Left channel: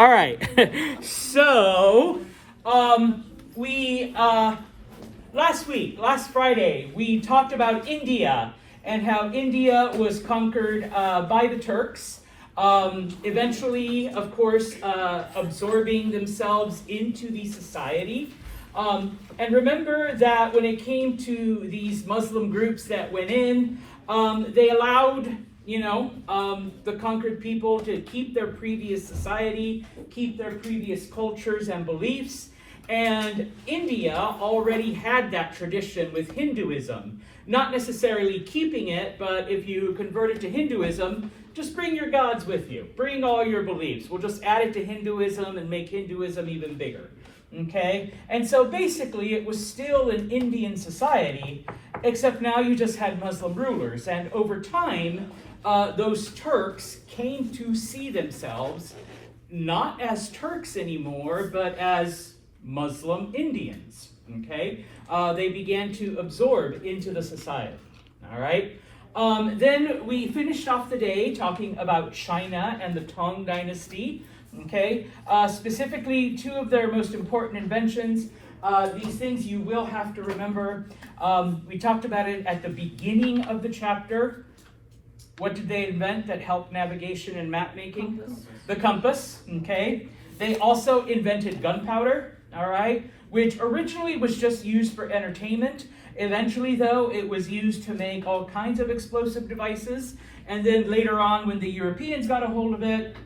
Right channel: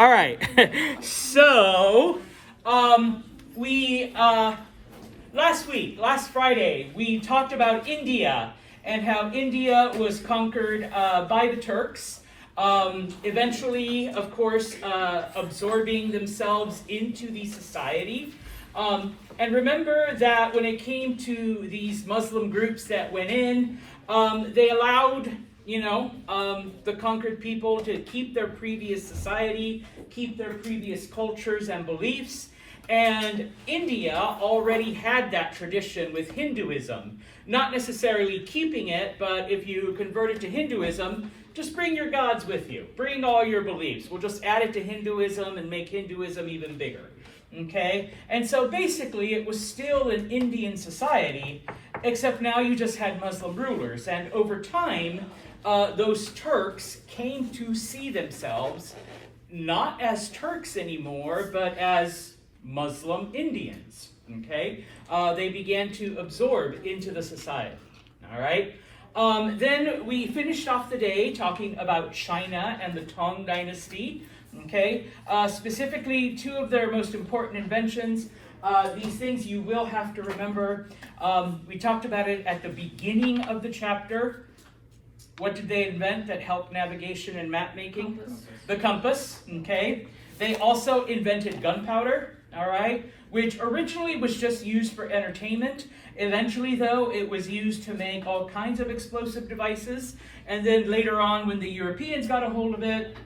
All right. So, we last Friday, we talked about India and how India was conquered by the Turks. Eventually, of course, absorbing themselves into the society. And remember that when it came to these Muslim groups that went in, they allowed the conquered people to keep their previous society, keep their previous cultures and beliefs. And India already had that tradition with Hinduism. Not necessarily keeping it, but if you convert it to Hinduism, just bring your gods with you. Bring all your beliefs. We'll just add it to Hinduism and make Hinduism even bigger. Okay? And so basically it was still an Indian society, except now you just had Muslim rulers. And over time, those Turks came to see themselves not as Turks anymore, but as Muslim Indians. Okay? They began to absorb into the society. All right? Then we finished off the day talking about China and the Tang Dynasty. Okay? Specifically, two of their most important inventions. These things you will have to remember. We talked about it at the beginning of the chapter. What did they invent that helped navigation and map making? Compass. The compass, okay? They also invented gunpowder, all right? Which originally was just used for entertainment. Eventually, though, it was used to make all kinds of explosive devices. And then later on, when the Europeans got a hold of it,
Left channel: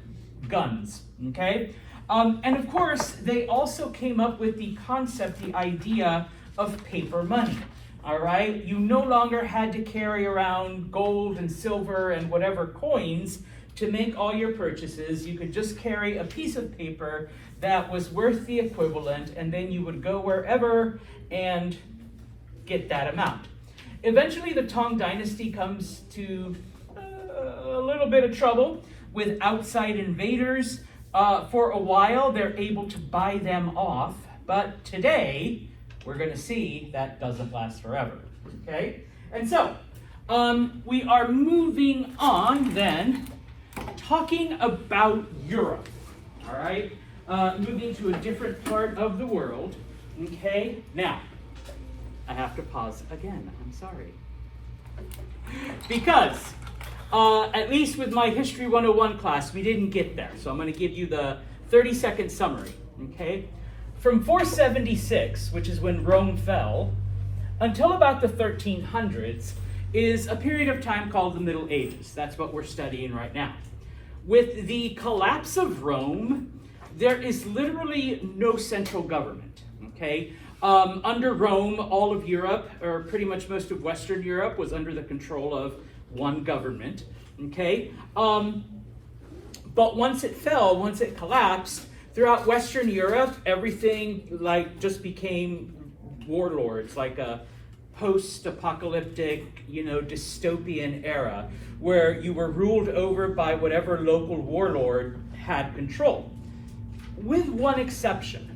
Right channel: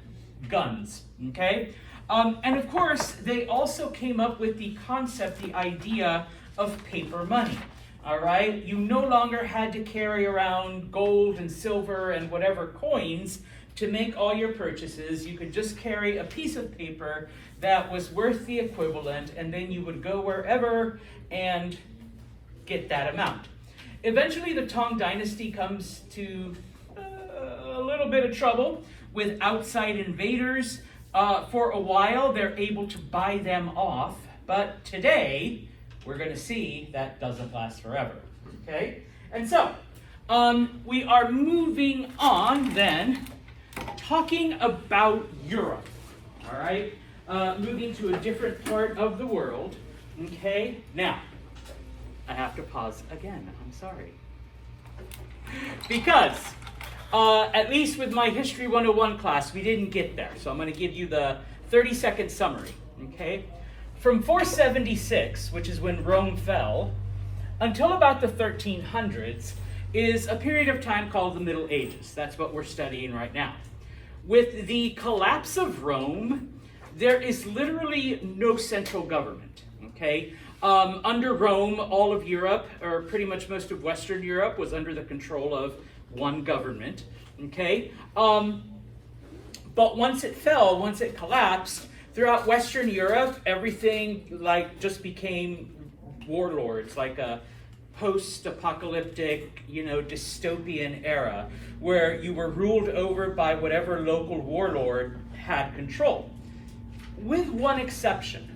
guns, okay? And of course, they also came up with the concept, the idea of paper money. All right, you no longer had to carry around gold and silver and whatever coins to make all your purchases. You could just carry a piece of paper that was worth the equivalent, and then you would go wherever and get that amount. Eventually, the Tang Dynasty comes to a little bit of trouble with outside invaders. For a while, they're able to buy them off, but today, we're going to see that doesn't last forever, okay? And so, we are moving on then, talking about Europe, all right? Moving to a different part of the world, okay? Now, I have to pause again, I'm sorry. Because, at least with my History 101 class, we didn't get there. So I'm going to give you the 30-second summary, okay? From 476, which is when Rome fell, until about the 1300s, is a period of time called the Middle Ages. That's what we're studying right now. With the collapse of Rome, there is literally no central government, okay? Under Rome, all of Europe, or pretty much most of Western Europe, was under the control of one government, okay? But once it fell, once it collapsed, throughout Western Europe, everything just became warlords, like a post-apocalyptic, dystopian era, where you were ruled over by whatever local warlord had control. With one exception,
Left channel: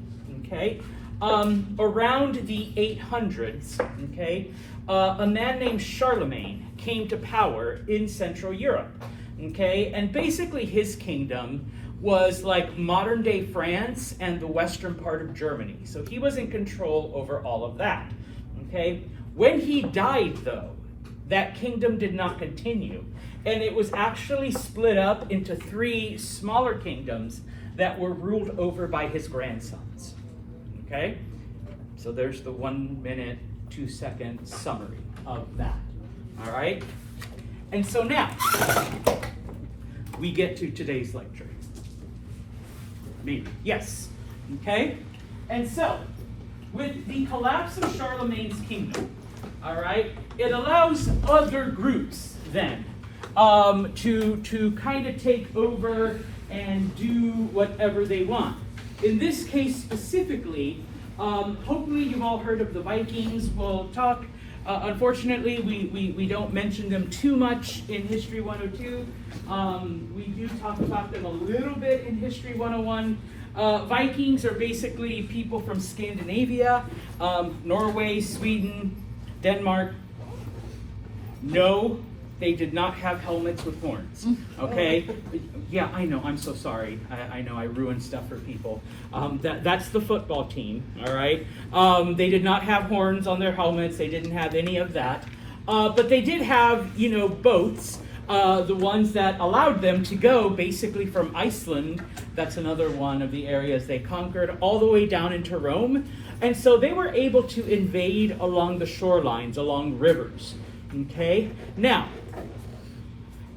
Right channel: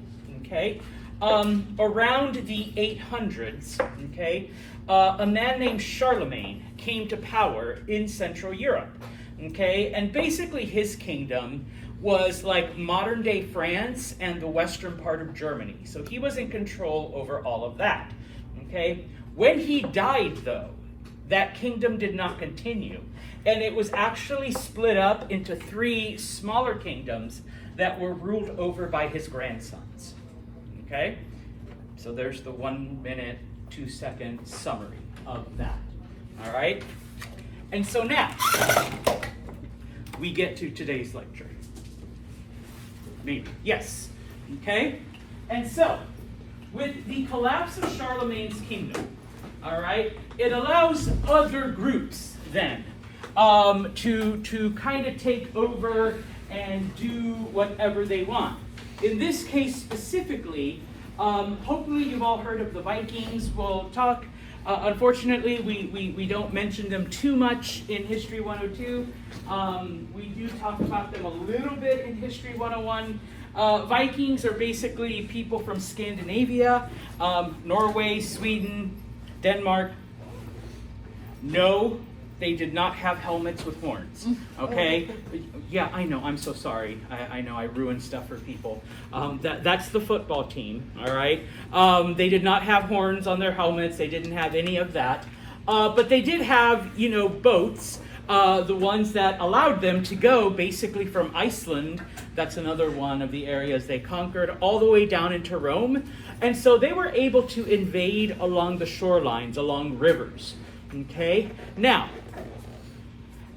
okay? Around the 800s, okay, a man named Charlemagne came to power in Central Europe, okay? And basically his kingdom was like modern-day France and the western part of Germany. So he was in control over all of that, okay? When he died, though, that kingdom did not continue, and it was actually split up into three smaller kingdoms that were ruled over by his grandsons, okay? So there's the 1 minute, 2 second summary of that, all right? And so now, we get to today's lecture. Maybe. Yes. Okay? And so, with the collapse of Charlemagne's kingdom, all right, it allows other groups then to kind of take over and do whatever they want. In this case specifically, hopefully you've all heard of the Vikings. We'll talk. Unfortunately, we don't mention them too much in History 102. We do talk about them a little bit in History 101. Vikings are basically people from Scandinavia, Norway, Sweden, Denmark. No they did not have helmets with horns, okay? Yeah, I know, I'm so sorry. I know I ruined stuff for people. That's the football team, all right? They did not have horns on their helmets. They didn't have any of that. But they did have, boats, the ones that allowed them to go basically from Iceland, that's another one of the areas they conquered, all the way down into Rome. And so they were able to invade along the shorelines, along rivers, okay? Now,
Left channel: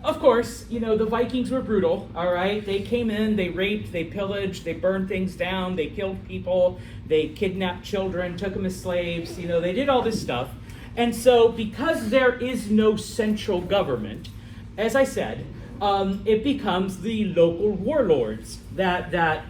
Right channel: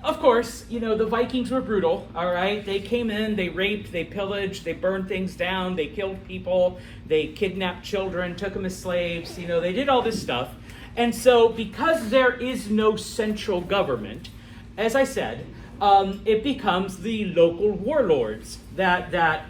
of course, the Vikings were brutal, all right? They came in, they raped, they pillaged, they burned things down, they killed people, they kidnapped children, took them as slaves, they did all this stuff. And so because there is no central government, as I said, it becomes the local warlords that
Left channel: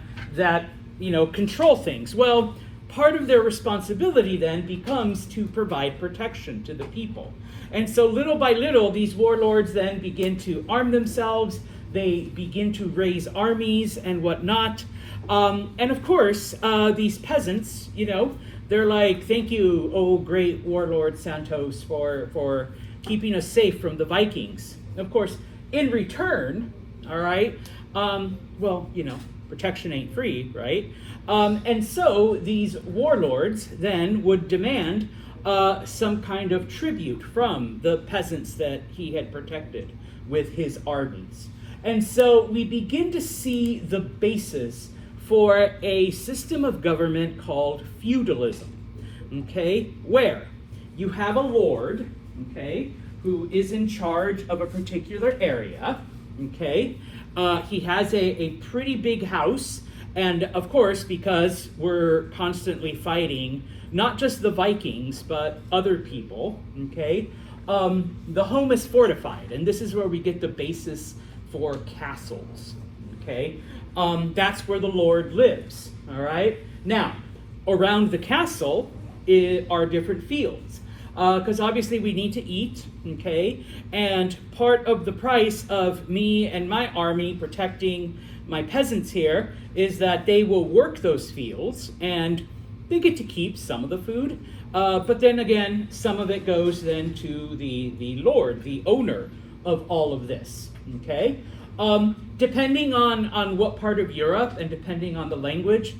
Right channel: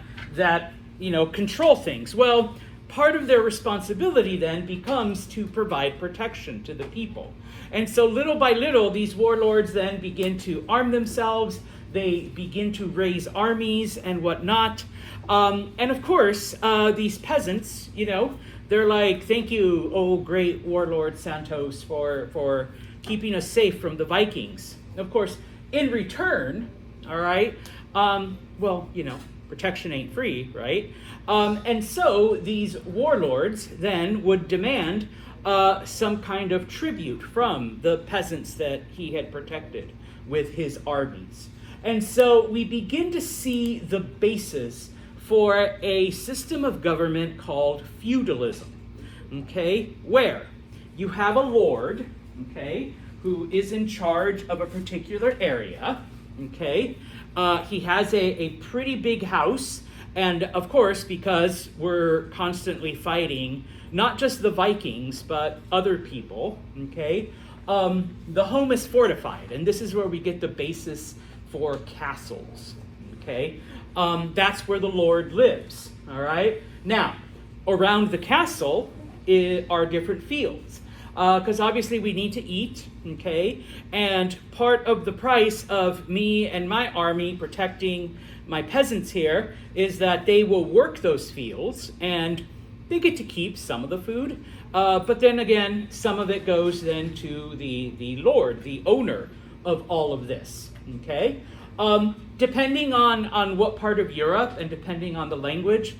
control things. Well, part of their responsibility then becomes to provide protection to the people. And so little by little, these warlords then begin to arm themselves, they begin to raise armies and whatnot. And of course, these peasants, they're like, thank you, oh great warlord Santos, for keeping us safe from the Vikings. Of course, in return, all right, protection ain't free, right? And so these warlords then would demand some kind of tribute from the peasants that he had protected with his armies. And so we begin to see the basis for a system of government called feudalism, okay, where you have a lord, okay, who is in charge of a particular area, okay. He has a pretty big house, and of course, because we're constantly fighting not just the Vikings, but other people, okay, the home is fortified, and this is where we get the basis for castles, okay. That's where the Lord lives, all right. Now, around the castle are different fields, because obviously we need to eat, okay, and part of the price of me and my army protecting my peasants here is that they will work those fields, and they get to keep some of the food, but then again, some of it goes then to the Lord, the owner of all of this, okay? Depending on what part of Europe and depending on the language,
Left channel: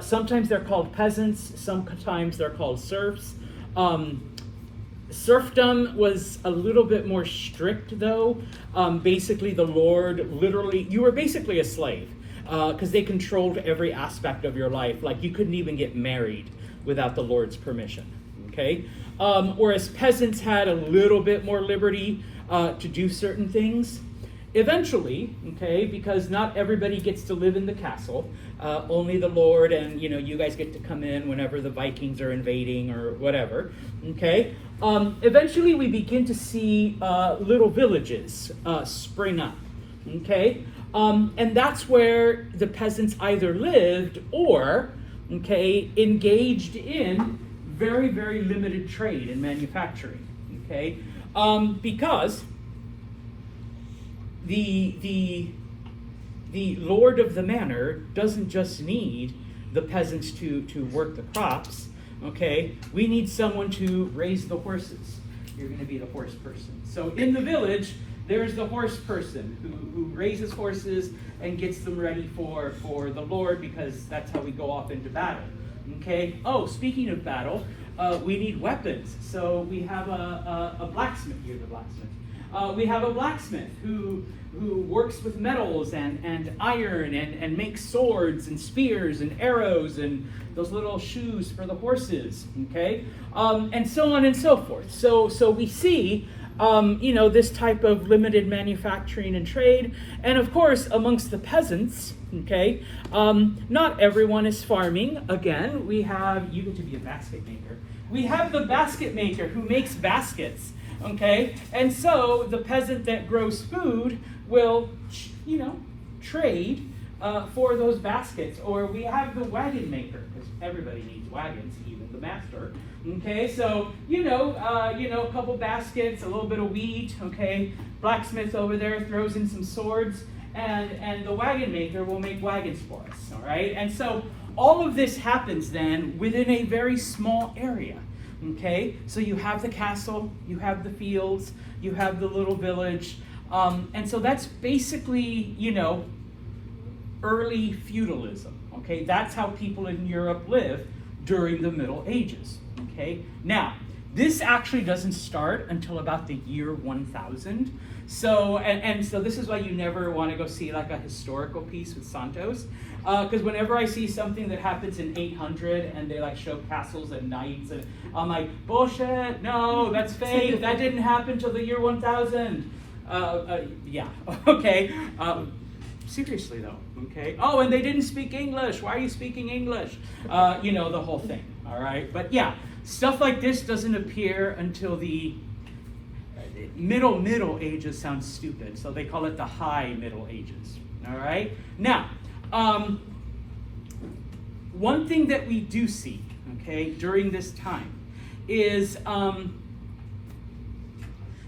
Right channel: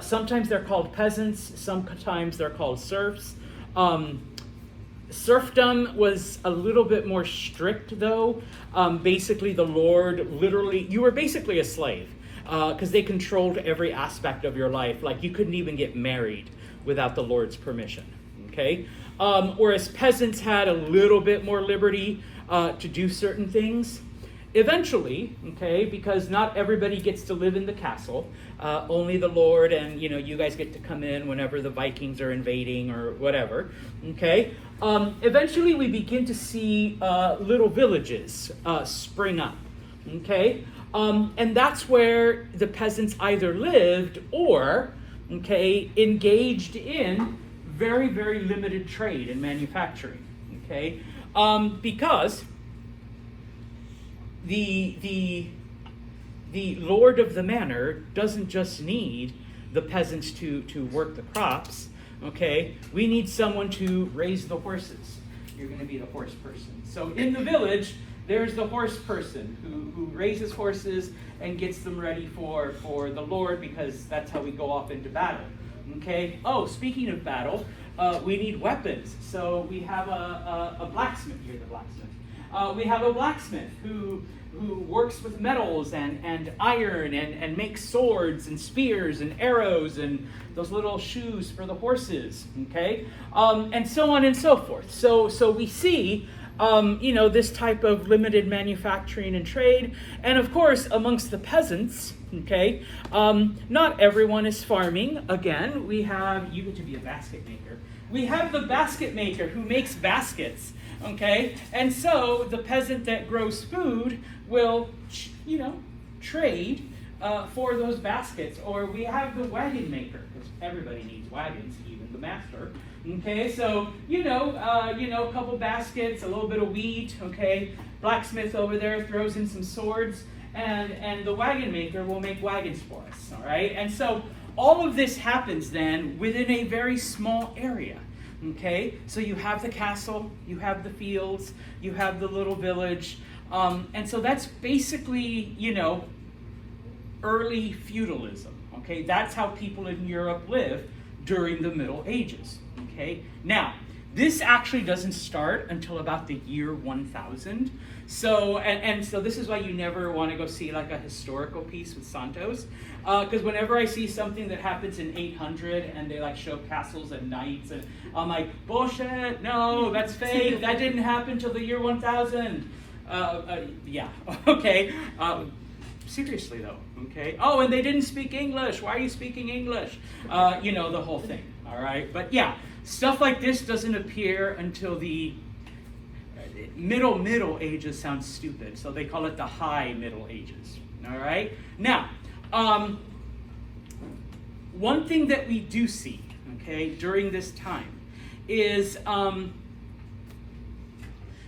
sometimes they're called peasants, sometimes they're called serfs. Serfdom was a little bit more strict though. Basically the Lord you were basically a slave because they controlled every aspect of your life. Like you couldn't even get married without the Lord's permission, okay? Whereas peasants had a little bit more liberty to do certain things. Eventually, okay, because not everybody gets to live in the castle, only the Lord and, you guys get to come in whenever the Vikings are invading or whatever, okay? Eventually we begin to see little villages spring up, okay? And that's where the peasants either lived or, okay, engaged in very, very limited trade and manufacturing, okay? Because the lord of the manor doesn't just need the peasants to work the crops, okay? We need someone to raise the horses. You're going to be the horse person. So in the village, there's the horse person who raises horses and gets them ready for the Lord, because that's how we go off into battle, okay? Oh, speaking of battle, we need weapons. So we have a blacksmith here, we have a blacksmith who works with metals and iron and makes swords and spears and arrows and those little shoes for the horses, okay? And so on and so forth. So we see, this type of limited manufacturing and trade. And of course, amongst the peasants, okay, not everyone is farming. Again, you get to be a basket maker. We have the basket maker who makes baskets. Okay, and so the peasant that grows food will, trade for those baskets. Or we have the wagon maker, because everybody needs wagons, even the master. Okay, so, a couple baskets, a little bit of wheat, okay. Blacksmith over there throws in some swords, and the wagon maker will make wagons for us, all right? And so all of this happens then within a very small area. Okay, so you have the castle, you have the fields, you have the little village, and so that's basically, early feudalism. Okay, that's how people in Europe live during the Middle Ages. Okay, now this actually doesn't start until about the year 1000. So, and so this is why you never want to go see like a historical piece with Santos, because whenever I see something that happens in 800 and they like show castles and knights, and I'm like, bullshit, no, that's fake, that didn't happen till the year 1000. Yeah, okay. Seriously though, okay. Oh, and they didn't speak English. Why are you speaking English? The whole thing, all right? But yeah, stuff like this doesn't appear until the Middle Ages. Sounds stupid, so they call it the High Middle Ages, all right? Now, one thing that we do see, okay, during this time is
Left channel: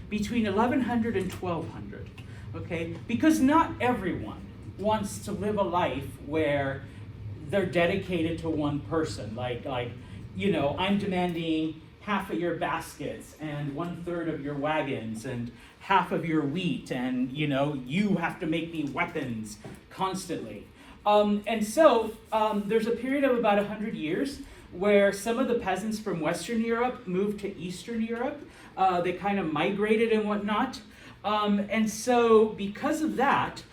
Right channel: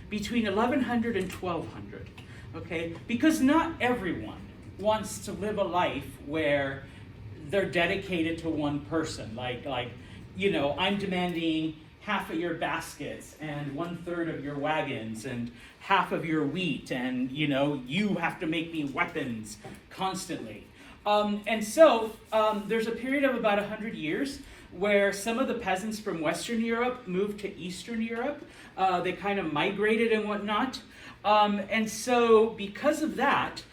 between 1100 and 1200, okay? Because not everyone wants to live a life where they're dedicated to one person. Like I'm demanding half of your baskets and 1/3 of your wagons and half of your wheat, and you have to make me weapons constantly. And so there's a period of about 100 years where some of the peasants from Western Europe moved to Eastern Europe. They kind of migrated and whatnot. And so because of that,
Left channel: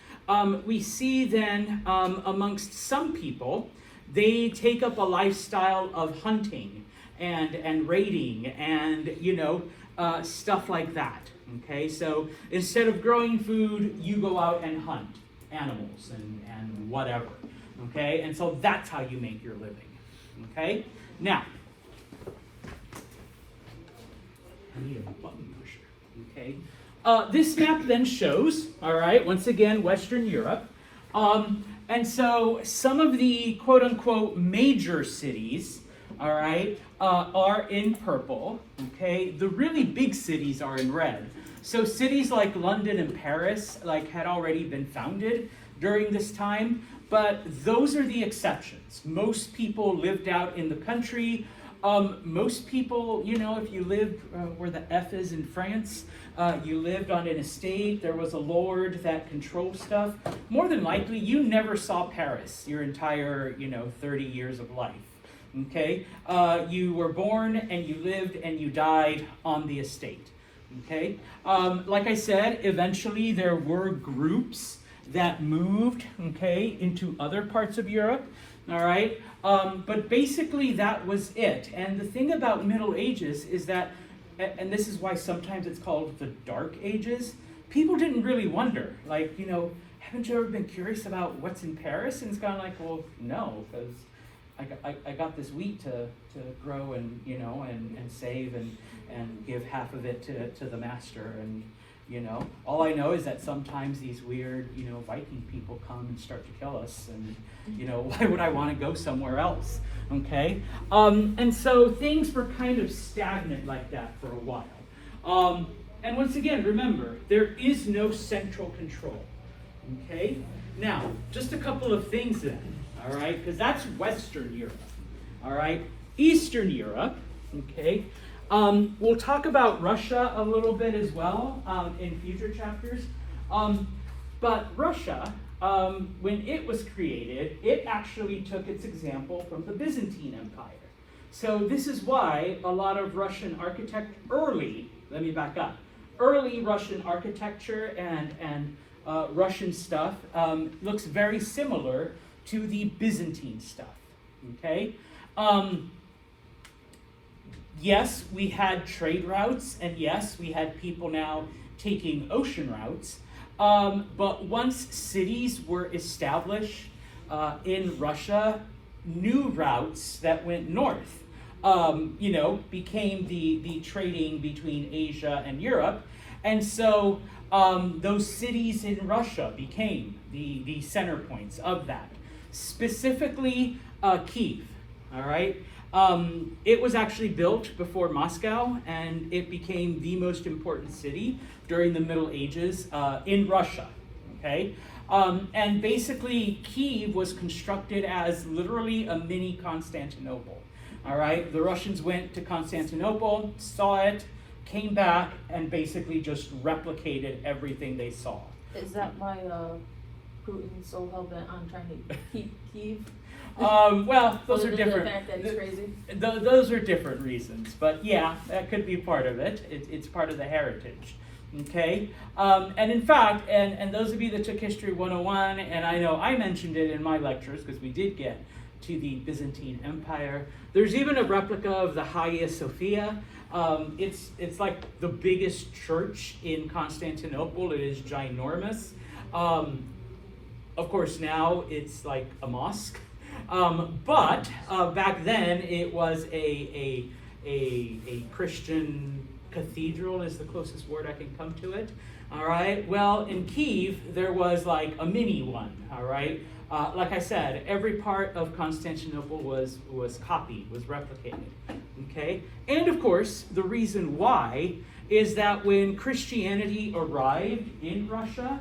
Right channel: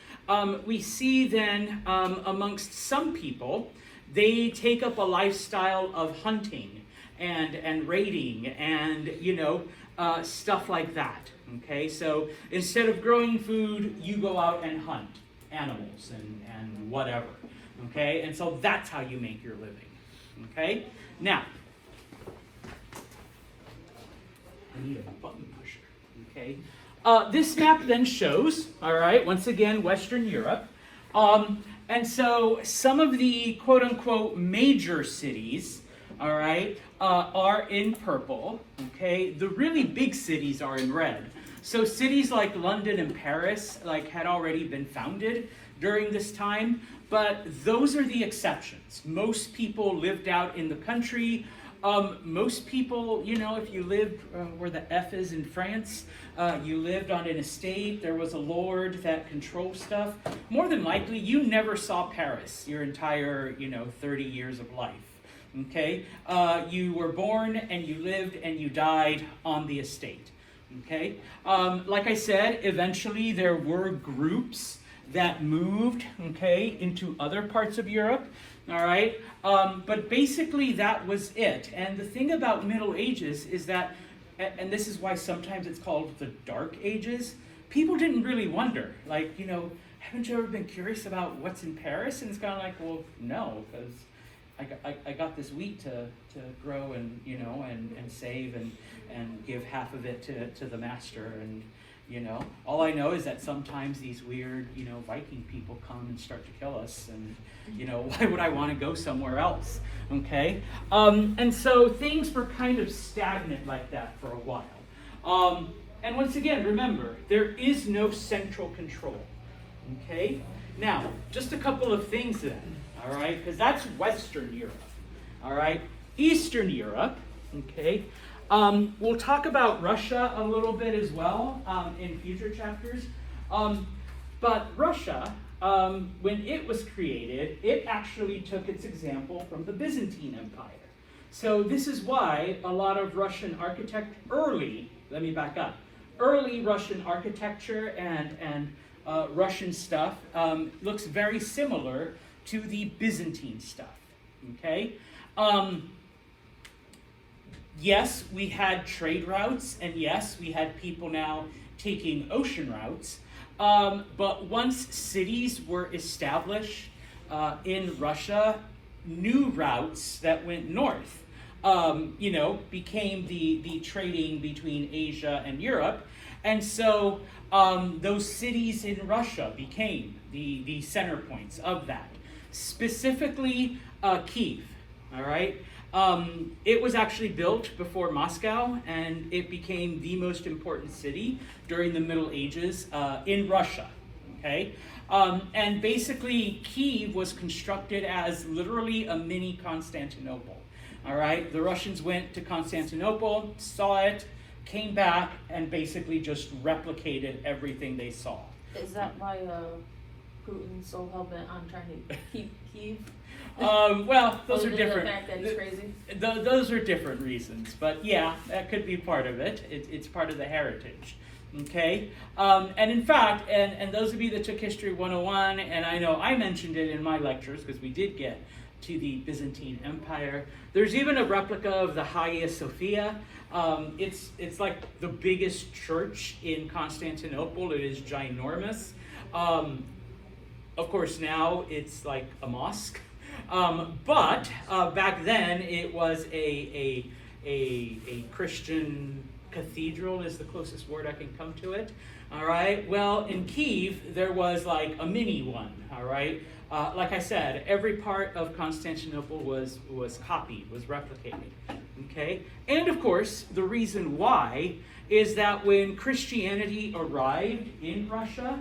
we see then amongst some people, they take up a lifestyle of hunting and raiding and, stuff like that. Okay, so instead of growing food, you go out and hunt animals and whatever. Okay, and so that's how you make your living. Okay, now, I need a button pusher. Okay. This map then shows, all right, once again, Western Europe. And so some of the quote-unquote major cities, all right, are in purple, okay? The really big cities are in red. So cities like London and Paris had already been founded during this time, but those are the exceptions. Most people lived out in the country. Most people, if you lived where the F is in France, you lived on an estate, there was a lord that controlled stuff. More than likely, you never saw Paris your entire, 30 years of life. Okay? You were born and you lived and you died on the estate. Okay? Like I said, eventually there were groups that moved, okay, into other parts of Europe. All right, but basically that was it. And the thing about Middle Ages is that, and this is why sometimes it's called the Dark Ages, people didn't really wonder, haven't you ever been curious about what's in Paris? And it's kind of like, well, no, because I got this wheat to grow and, and save and give half of it to the master. And, all I know is that sometimes these weird, Viking people come and start to kill us, and, why would I want to go somewhere else? Okay? And so things were kind of stagnant like that for a while. And once again, remember, there is no central control. Okay? Now, just a couple of things then, all right? Because that's Western Europe, all right? Eastern Europe, okay? We'll talk about Russia a little bit as well in future chapters. But Russia, when it was created, it actually took its example from the Byzantine Empire. So this is why a lot of Russian early Russian architecture and Russian stuff looks very similar to the Byzantine stuff, okay? Yes, we had trade routes, and yes, we had people now taking ocean routes, but once cities were established in Russia, new routes that went north, became the trading between Asia and Europe, and so those cities in Russia became the center points of that, specifically Kyiv, all right? It was actually built before Moscow, and it became the most important city during the Middle Ages in Russia, okay? And basically, Kyiv was constructed as literally a mini Constantinople, All right, the Russians went to Constantinople, saw it, came back, and basically just replicated everything they saw. Is that why Putin's so hell-bent on trying to keep Kyiv? Well, those are different. The fact that it's crazy? Those are different reasons, but yeah, that could be part of it. It's part of the heritage. Okay, and in fact, and those of you that took History 101, and I know I mentioned it in my lectures because we did get to the Byzantine Empire. There's even a replica of the Hagia Sophia. It's like the biggest church in Constantinople. It is ginormous. Of course, now it's like a mosque. But back then it was a Christian cathedral is the closest word I can come to it. All right. Well, in Kyiv there was like a mini one. All right. Like I said, every part of Constantinople was copied, was replicated. Okay. And of course, the reason why is that when Christianity arrived in Russia,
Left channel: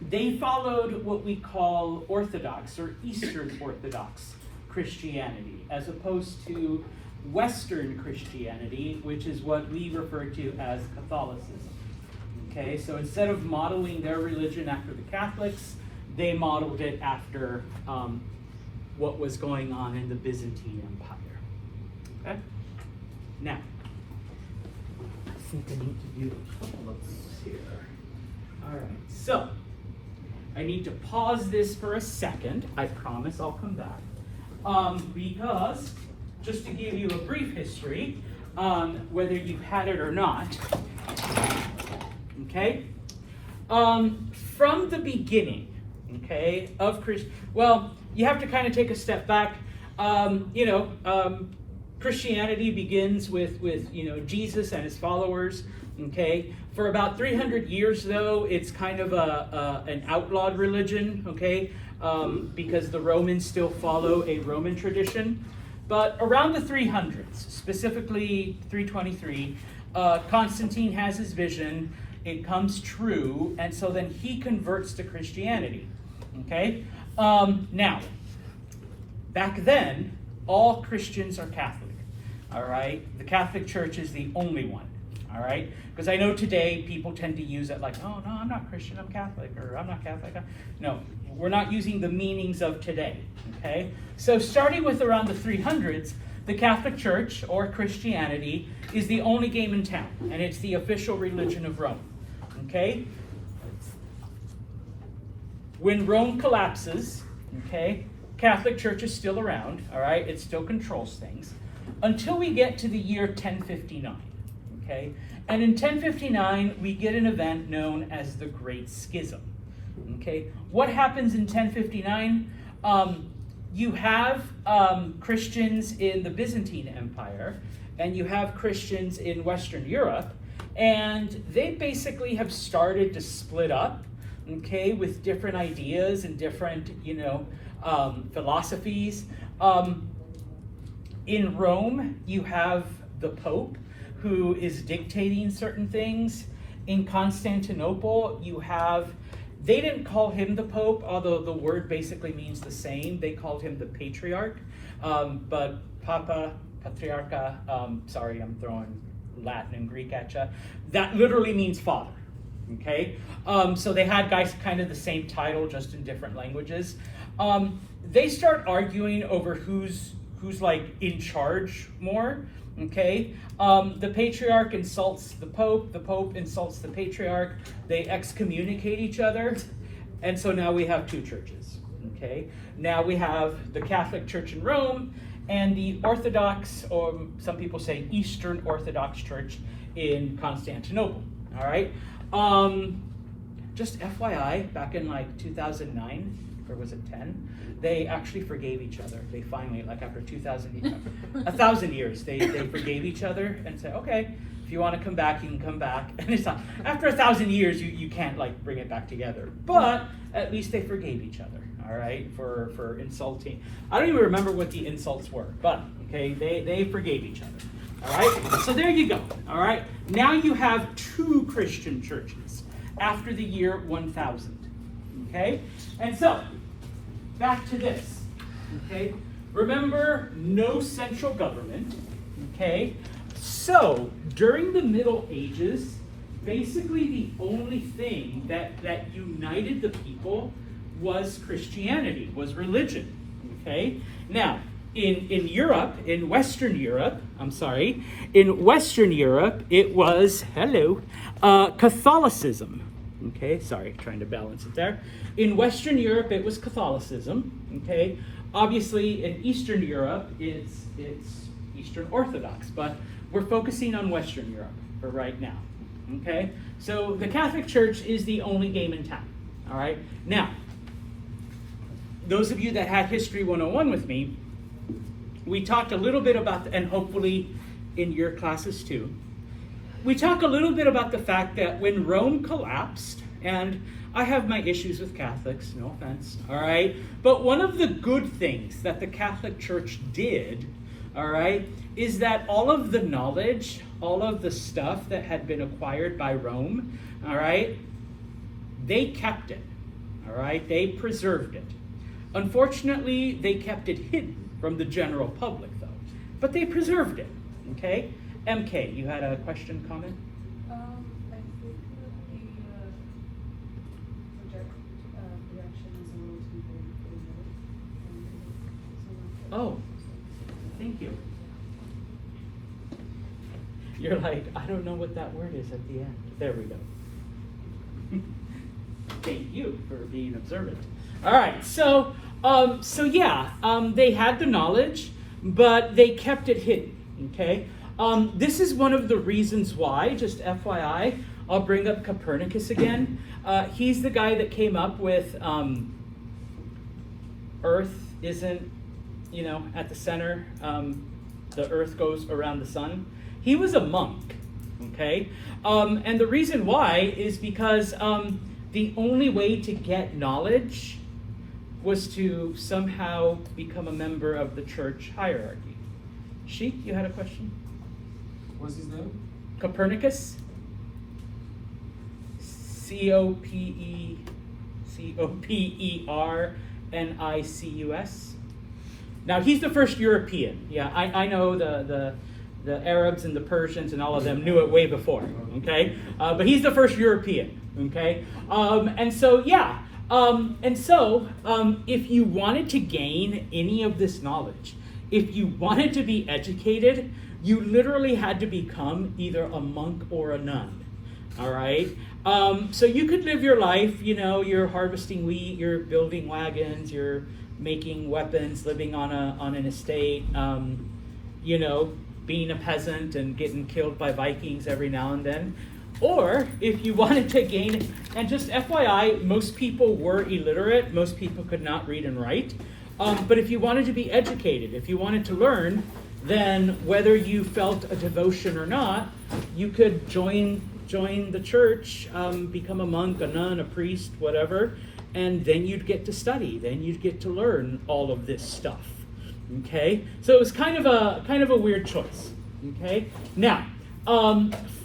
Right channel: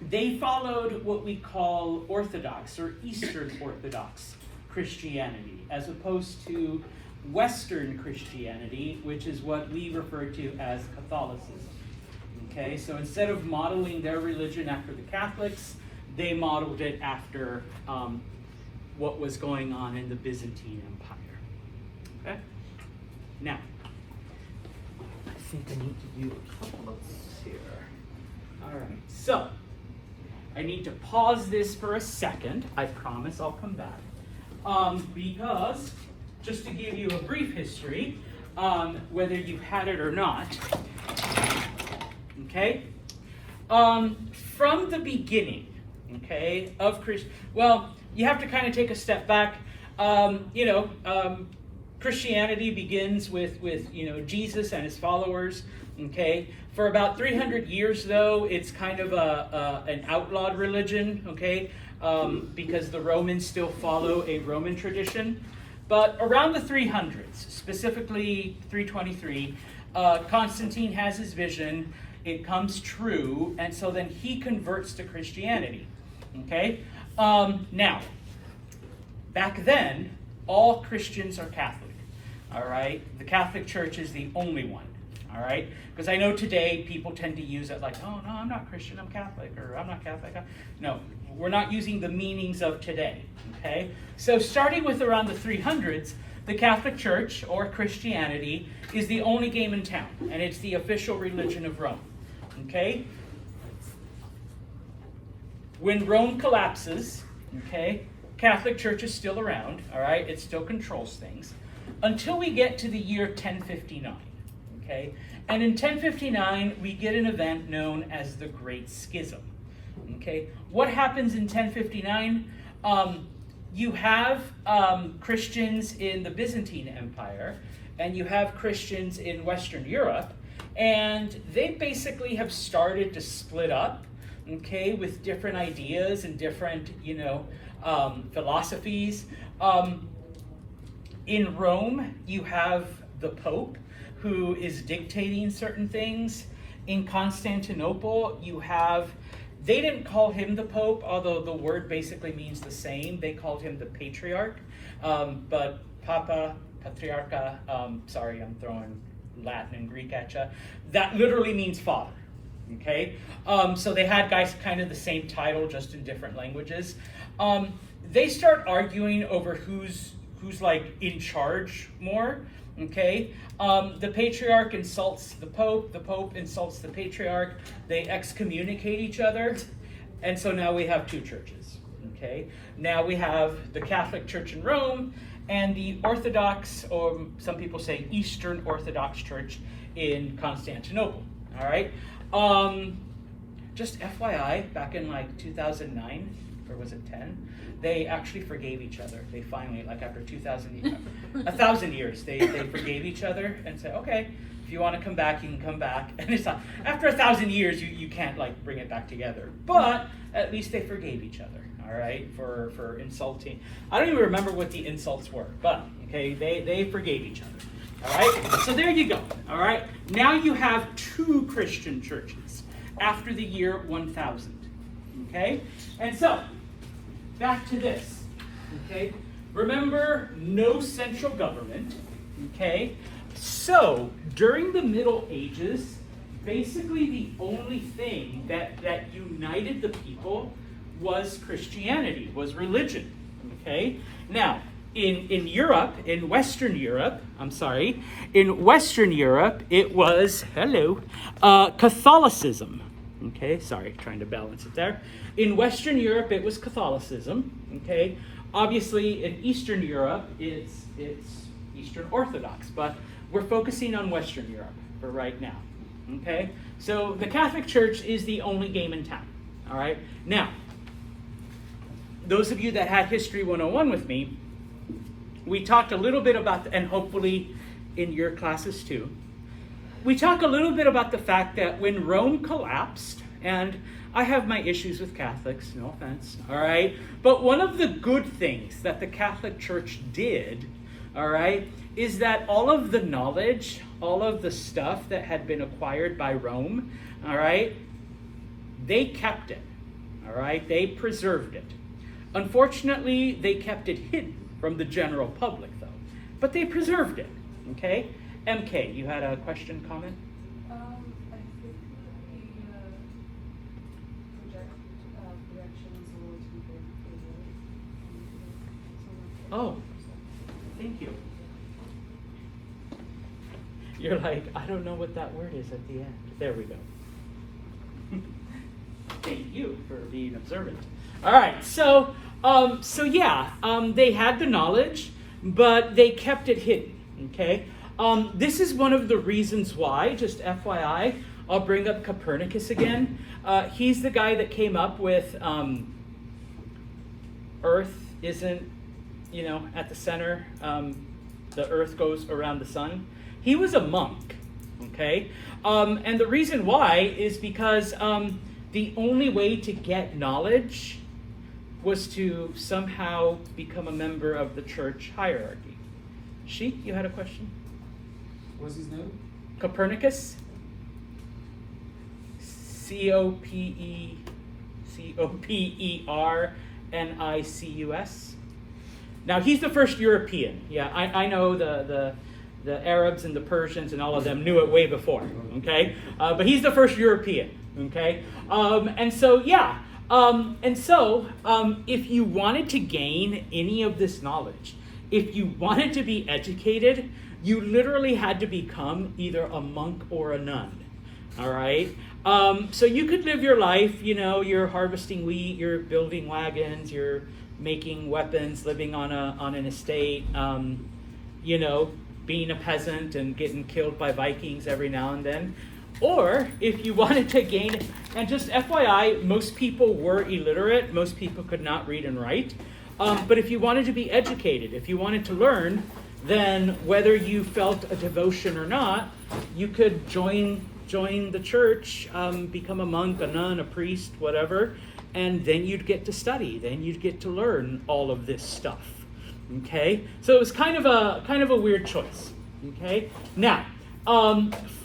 they followed what we call Orthodox or Eastern Orthodox Christianity, as opposed to Western Christianity, which is what we refer to as Catholicism. Okay, so instead of modeling their religion after the Catholics, they modeled it after what was going on in the Byzantine Empire. Okay? Now, I think I need to do a couple of things here. All right, so I need to pause this for a second. I promise I'll come back. Because, just to give you a brief history, whether you've had it or not, okay? From the beginning, okay, of well, you have to kind of take a step back. Christianity begins with Jesus and his followers, okay? For about 300 years, though, it's kind of an outlawed religion, okay? Because the Romans still follow a Roman tradition. But around the 300s, specifically 323, Constantine has his vision. It comes true, and so then he converts to Christianity. Okay? Now, back then, all Christians are Catholic. All right? The Catholic Church is the only one. All right? Because I know today people tend to use it like, oh, no, I'm not Christian, I'm Catholic, or I'm not Catholic. No, we're not using the meanings of today. Okay? So starting with around the 300s, the Catholic Church, or Christianity, is the only game in town, and it's the official religion of Rome. Okay? When Rome collapses, okay, Catholic Church is still around, all right? It still controls things, until we get to the year 1059, okay? And in 1059, we get an event known as the Great Schism, okay? What happens in 1059? You have Christians in the Byzantine Empire, and you have Christians in Western Europe, and they basically have started to split up, okay, with different ideas and different, philosophies. In Rome, you have the Pope, who is dictating certain things. In Constantinople, you have, they didn't call him the Pope, although the word basically means the same. They called him the Patriarch, but Papa, Patriarcha, sorry, I'm throwing Latin and Greek at you. That literally means father, okay? So they had guys kind of the same title, just in different languages. They start arguing over who's like in charge more, okay? The Patriarch insults the Pope insults the Patriarch, they excommunicate each other, and so now we have two churches, okay? Now we have the Catholic Church in Rome and the Orthodox, or some people say Eastern Orthodox Church in Constantinople, all right? Just FYI, back in like 2009, or was it 10? They actually forgave each other. They finally, like after 1,000 years, they forgave each other and said, okay, if you want to come back, you can come back. And it's not, after 1,000 years, you can't like bring it back together. But at least they forgave each other, all right, for insulting. I don't even remember what the insults were, but okay, they forgave each other, all right? So there you go, all right? Now you have two Christian churches after the year 1000, okay? And so, back to this, okay? remember, no central government, okay? So, during the Middle Ages, basically the only thing that united the people was Christianity, was religion, okay? Now, in Europe, in Western Europe, it was, Catholicism. Okay, sorry, trying to balance it there. In Western Europe, it was Catholicism. Okay, obviously in Eastern Europe, it's Eastern Orthodox, but we're focusing on Western Europe for right now. Okay, so the Catholic Church is the only game in town. All right, now, those of you that had History 101 with me, we talked a little bit about, and hopefully in your classes too, we talk a little bit about the fact that when Rome collapsed, and I have my issues with Catholics, no offense, all right, but one of the good things that the Catholic Church did, all right, is that all of the knowledge, all of the stuff that had been acquired by Rome, all right, they kept it, all right, they preserved it. Unfortunately, they kept it hidden from the general public, though. But they preserved it, okay? MK, you had a question, comment? I think the directions and those people. Oh, thank you. You're like, I don't know what that word is at the end. There we go. Thank you for being observant. All right, so they had the knowledge, but they kept it hidden, okay? This is one of the reasons why, just FYI, I'll bring up Copernicus again. He's the guy that came up with Earth isn't, at the center, the Earth goes around the sun. He was a monk, okay? And the reason why is because the only way to get knowledge was to somehow become a member of the church hierarchy. Sheik, you had a question? What's his name? Copernicus. Copernicus. Now, he's the first European. Yeah, I know the Arabs and the Persians and all of them knew it way before, okay? But he's the first European, okay? If you wanted to gain any of this knowledge, if you wanted to be educated, you literally had to become either a monk or a nun, all right? So you could live your life, you're harvesting wheat, you're building wagons, you're making weapons, living on an estate, being a peasant and getting killed by Vikings every now and then. Or if you wanted to gain, and just FYI, most people were illiterate, most people could not read and write. But if you wanted to be educated, if you wanted to learn, then whether you felt a devotion or not, you could join the church, become a monk, a nun, a priest, whatever, and then you'd get to study. Then you'd get to learn all of this stuff. Okay, so it was kind of a weird choice. Okay, now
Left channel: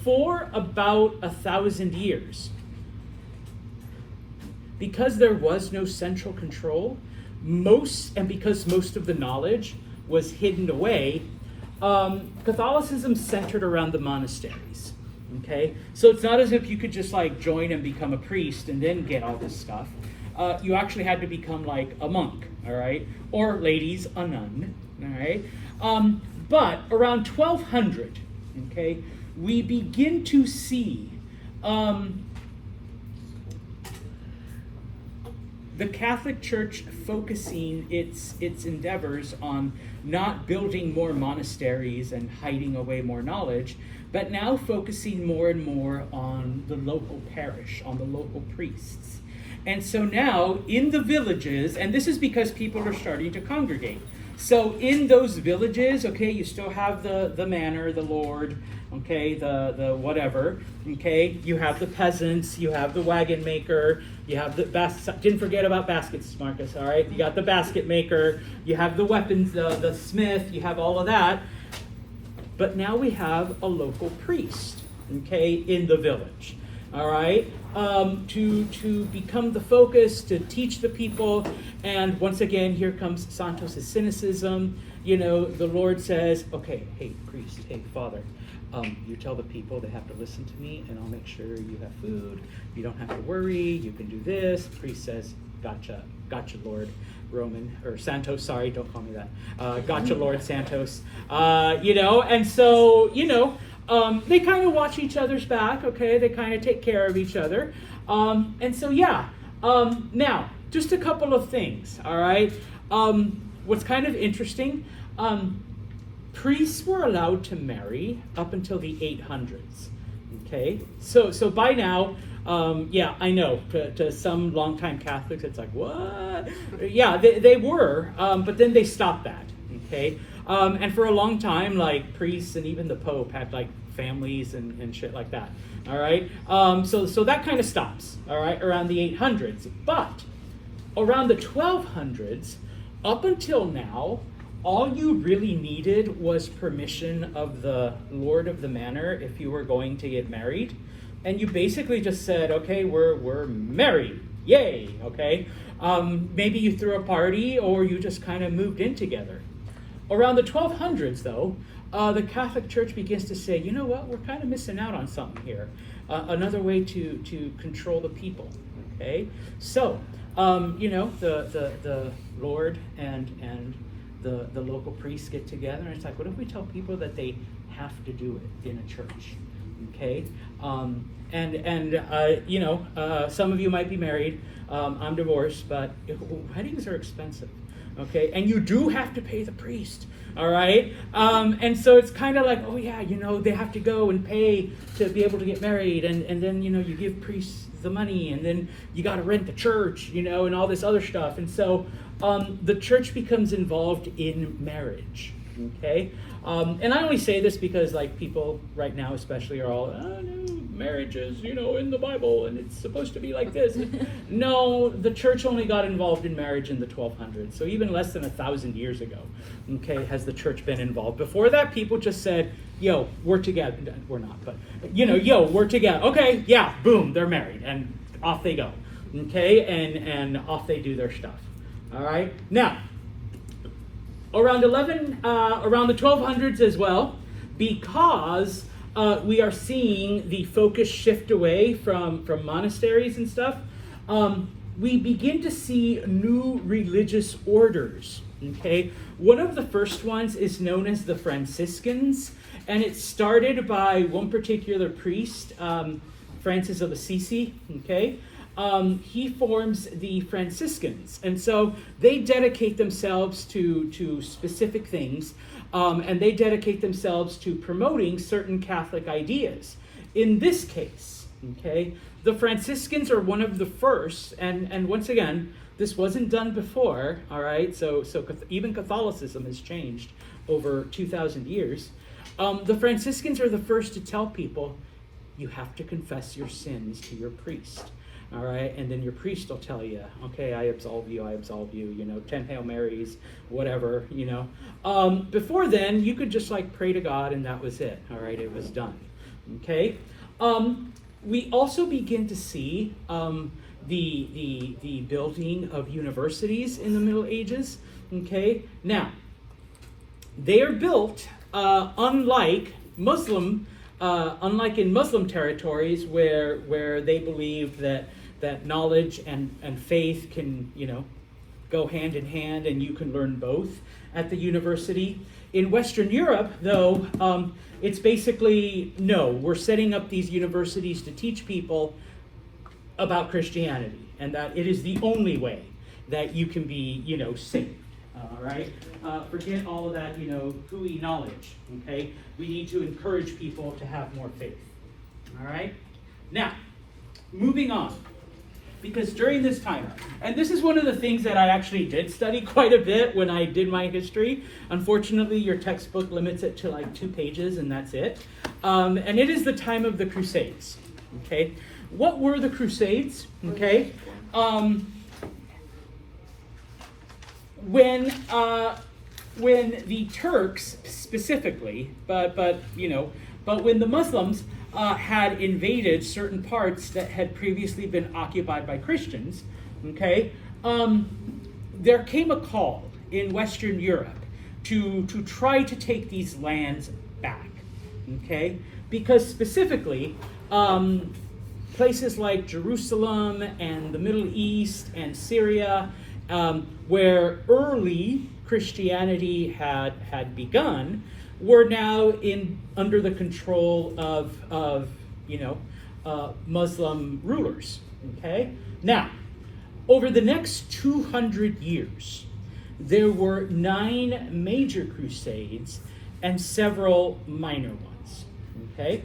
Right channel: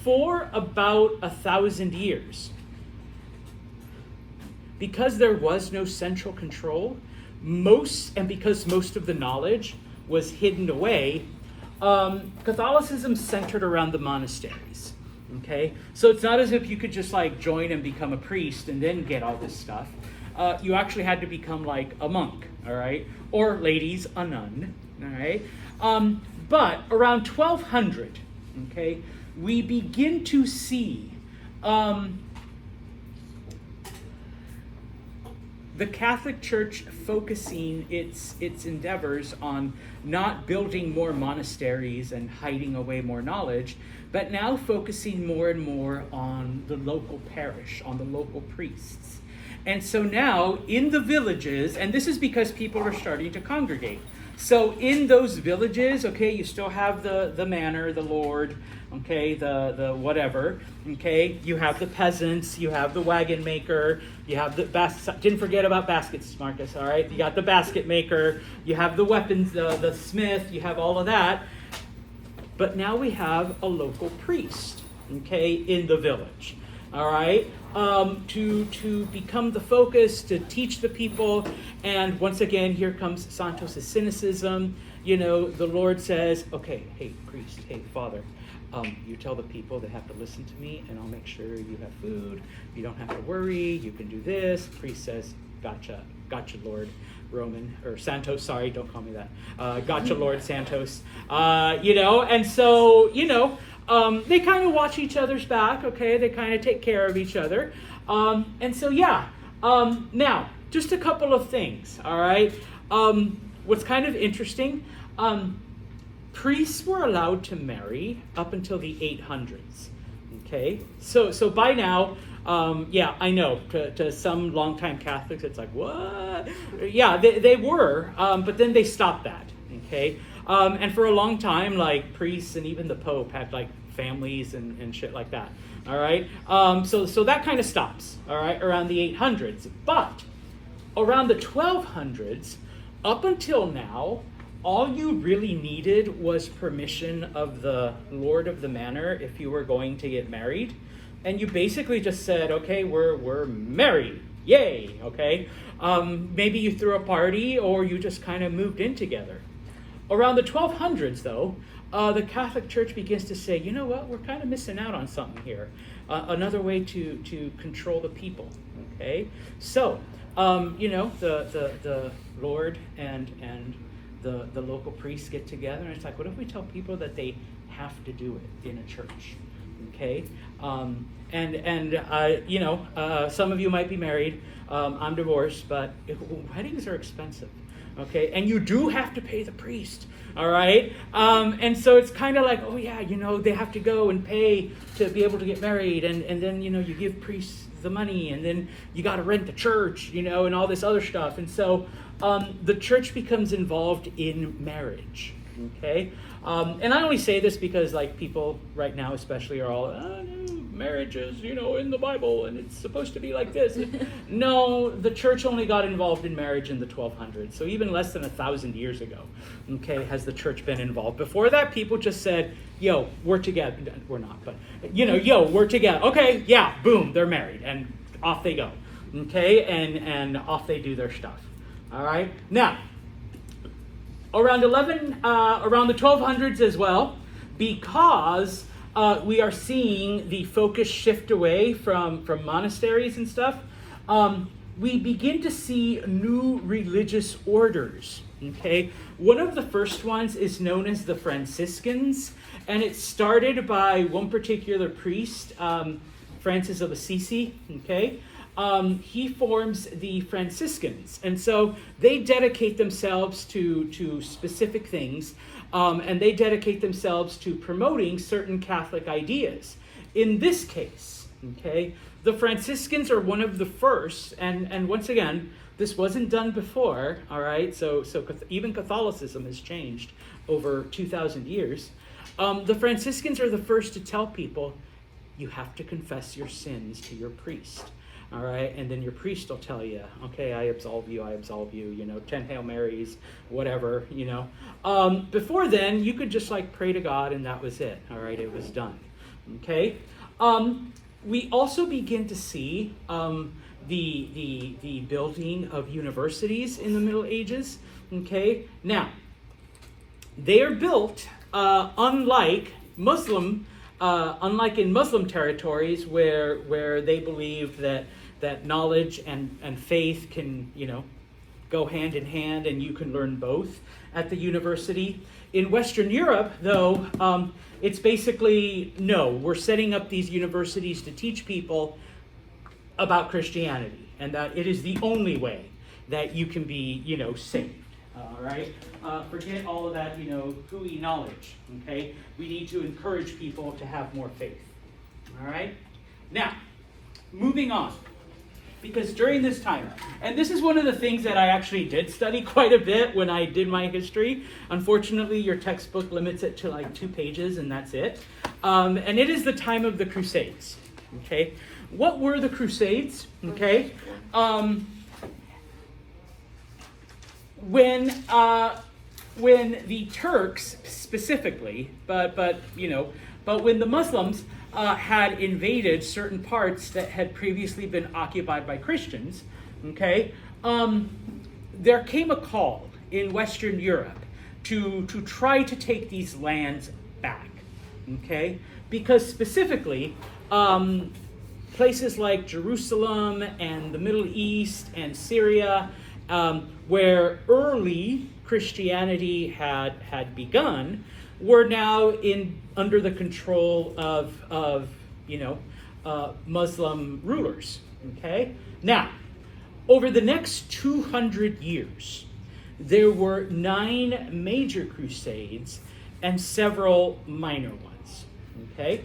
for about 1,000 years, because there was no central control, because most of the knowledge was hidden away, Catholicism centered around the monasteries. Okay, so it's not as if you could just join and become a priest and then get all this stuff. You actually had to become like a monk, all right, or ladies, a nun, all right. But around 1200, okay, we begin to see the Catholic Church focusing its endeavors on not building more monasteries and hiding away more knowledge, but now focusing more and more on the local parish, on the local priests. And so now in the villages, and this is because people are starting to congregate. So in those villages, okay, you still have the manor, the lord, okay, the whatever, okay, you have the peasants, you have the wagon maker, you have didn't forget about baskets, Marcus, all right, you got the basket maker, you have the weapons, the smith, you have all of that, but now we have a local priest, okay, in the village, all right, to become the focus, to teach the people. And once again, here comes Santos' cynicism. You know, the Lord says, okay, hey, priest, hey, father, you tell the people they have to listen to me, and I'll make sure you have food. You don't have to worry. You can do this. Priest says, gotcha, Lord Roman, or Santos, sorry, don't call me that. Gotcha, Lord Santos. You know, and so, you know, they kind of watch each other's back, okay? They kind of take care of each other. And so, yeah. Now, just a couple of things, all right? What's kind of interesting, priests were allowed to marry up until the 800s, okay? So by now, yeah, I know, to some longtime Catholics, it's like, what? Yeah, they were, but then they stopped that, okay? And for a long time, like, priests and even the Pope had, like, families and shit like that, all right? So that kind of stops, all right, around the 800s. But around the 1200s, up until now, all you really needed was permission of the Lord of the Manor if you were going to get married. And you basically just said, okay, we're married, yay, okay? Maybe you threw a party or you just kind of moved in together. Around the 1200s, though, the Catholic Church begins to say, you know what, we're kind of missing out on something here. Another way to control the people, okay? So, you know, the Lord and the local priests get together, and it's like, what if we tell people that they have to do it in a church? Okay, you know, some of you might be married. I'm divorced, but weddings are expensive. Okay, and you do have to pay the priest. All right, and so it's kind of like, oh yeah, you know, they have to go and pay to be able to get married, and then, you know, you give priests the money, and then you got to rent the church, you know, and all this other stuff, and so the church becomes involved in marriage. Okay. And I only say this because, like, people right now especially are all, no, marriage is, you know, in the Bible and it's supposed to be like this. No, the church only got involved in marriage in the 1200s. So even less than 1,000 years ago, okay, has the church been involved. Before that, people just said, yo, we're together. We're not, but, you know, yo, we're together. Okay, yeah, boom, they're married. And off they go. Okay, and off they do their stuff. All right? Now, around the 1200s as well, because we are seeing the focus shift away from monasteries and stuff, we begin to see new religious orders, okay? One of the first ones is known as the Franciscans, and it started by one particular priest, Francis of Assisi, okay? He forms the Franciscans, and so they dedicate themselves to specific things, and they dedicate themselves to promoting certain Catholic ideas. In this case, okay, the Franciscans are one of the first, and once again, this wasn't done before, all right, so even Catholicism has changed over 2,000 years. The Franciscans are the first to tell people, you have to confess your sins to your priest. All right, and then your priest will tell you, okay, I absolve you, you know, 10 Hail Marys, whatever, you know. Before then, you could just, like, pray to God, and that was it, all right, it was done, okay? We also begin to see the building of universities in the Middle Ages, okay? Now, they are built unlike in Muslim territories where they believe that knowledge and faith can, you know, go hand in hand, and you can learn both at the university. In Western Europe, though, it's basically, no, we're setting up these universities to teach people about Christianity, and that it is the only way that you can be, you know, saved. All right? Forget all of that, you know, hooey knowledge, okay? We need to encourage people to have more faith. All right? Now, moving on. Because during this time, and this is one of the things that I actually did study quite a bit when I did my history. Unfortunately, your textbook limits it to like 2 pages, and that's it. And it is the time of the Crusades. Okay? What were the Crusades? Okay? When the Turks specifically, but when the Muslims had invaded certain parts that had previously been occupied by Christians, okay, there came a call in Western Europe to try to take these lands back, okay, because specifically places like Jerusalem and the Middle East and Syria, where early Christianity had begun, were now under the control of Muslim rulers. Okay? Now, over the next 200 years, there were 9 major crusades and several minor ones. Okay?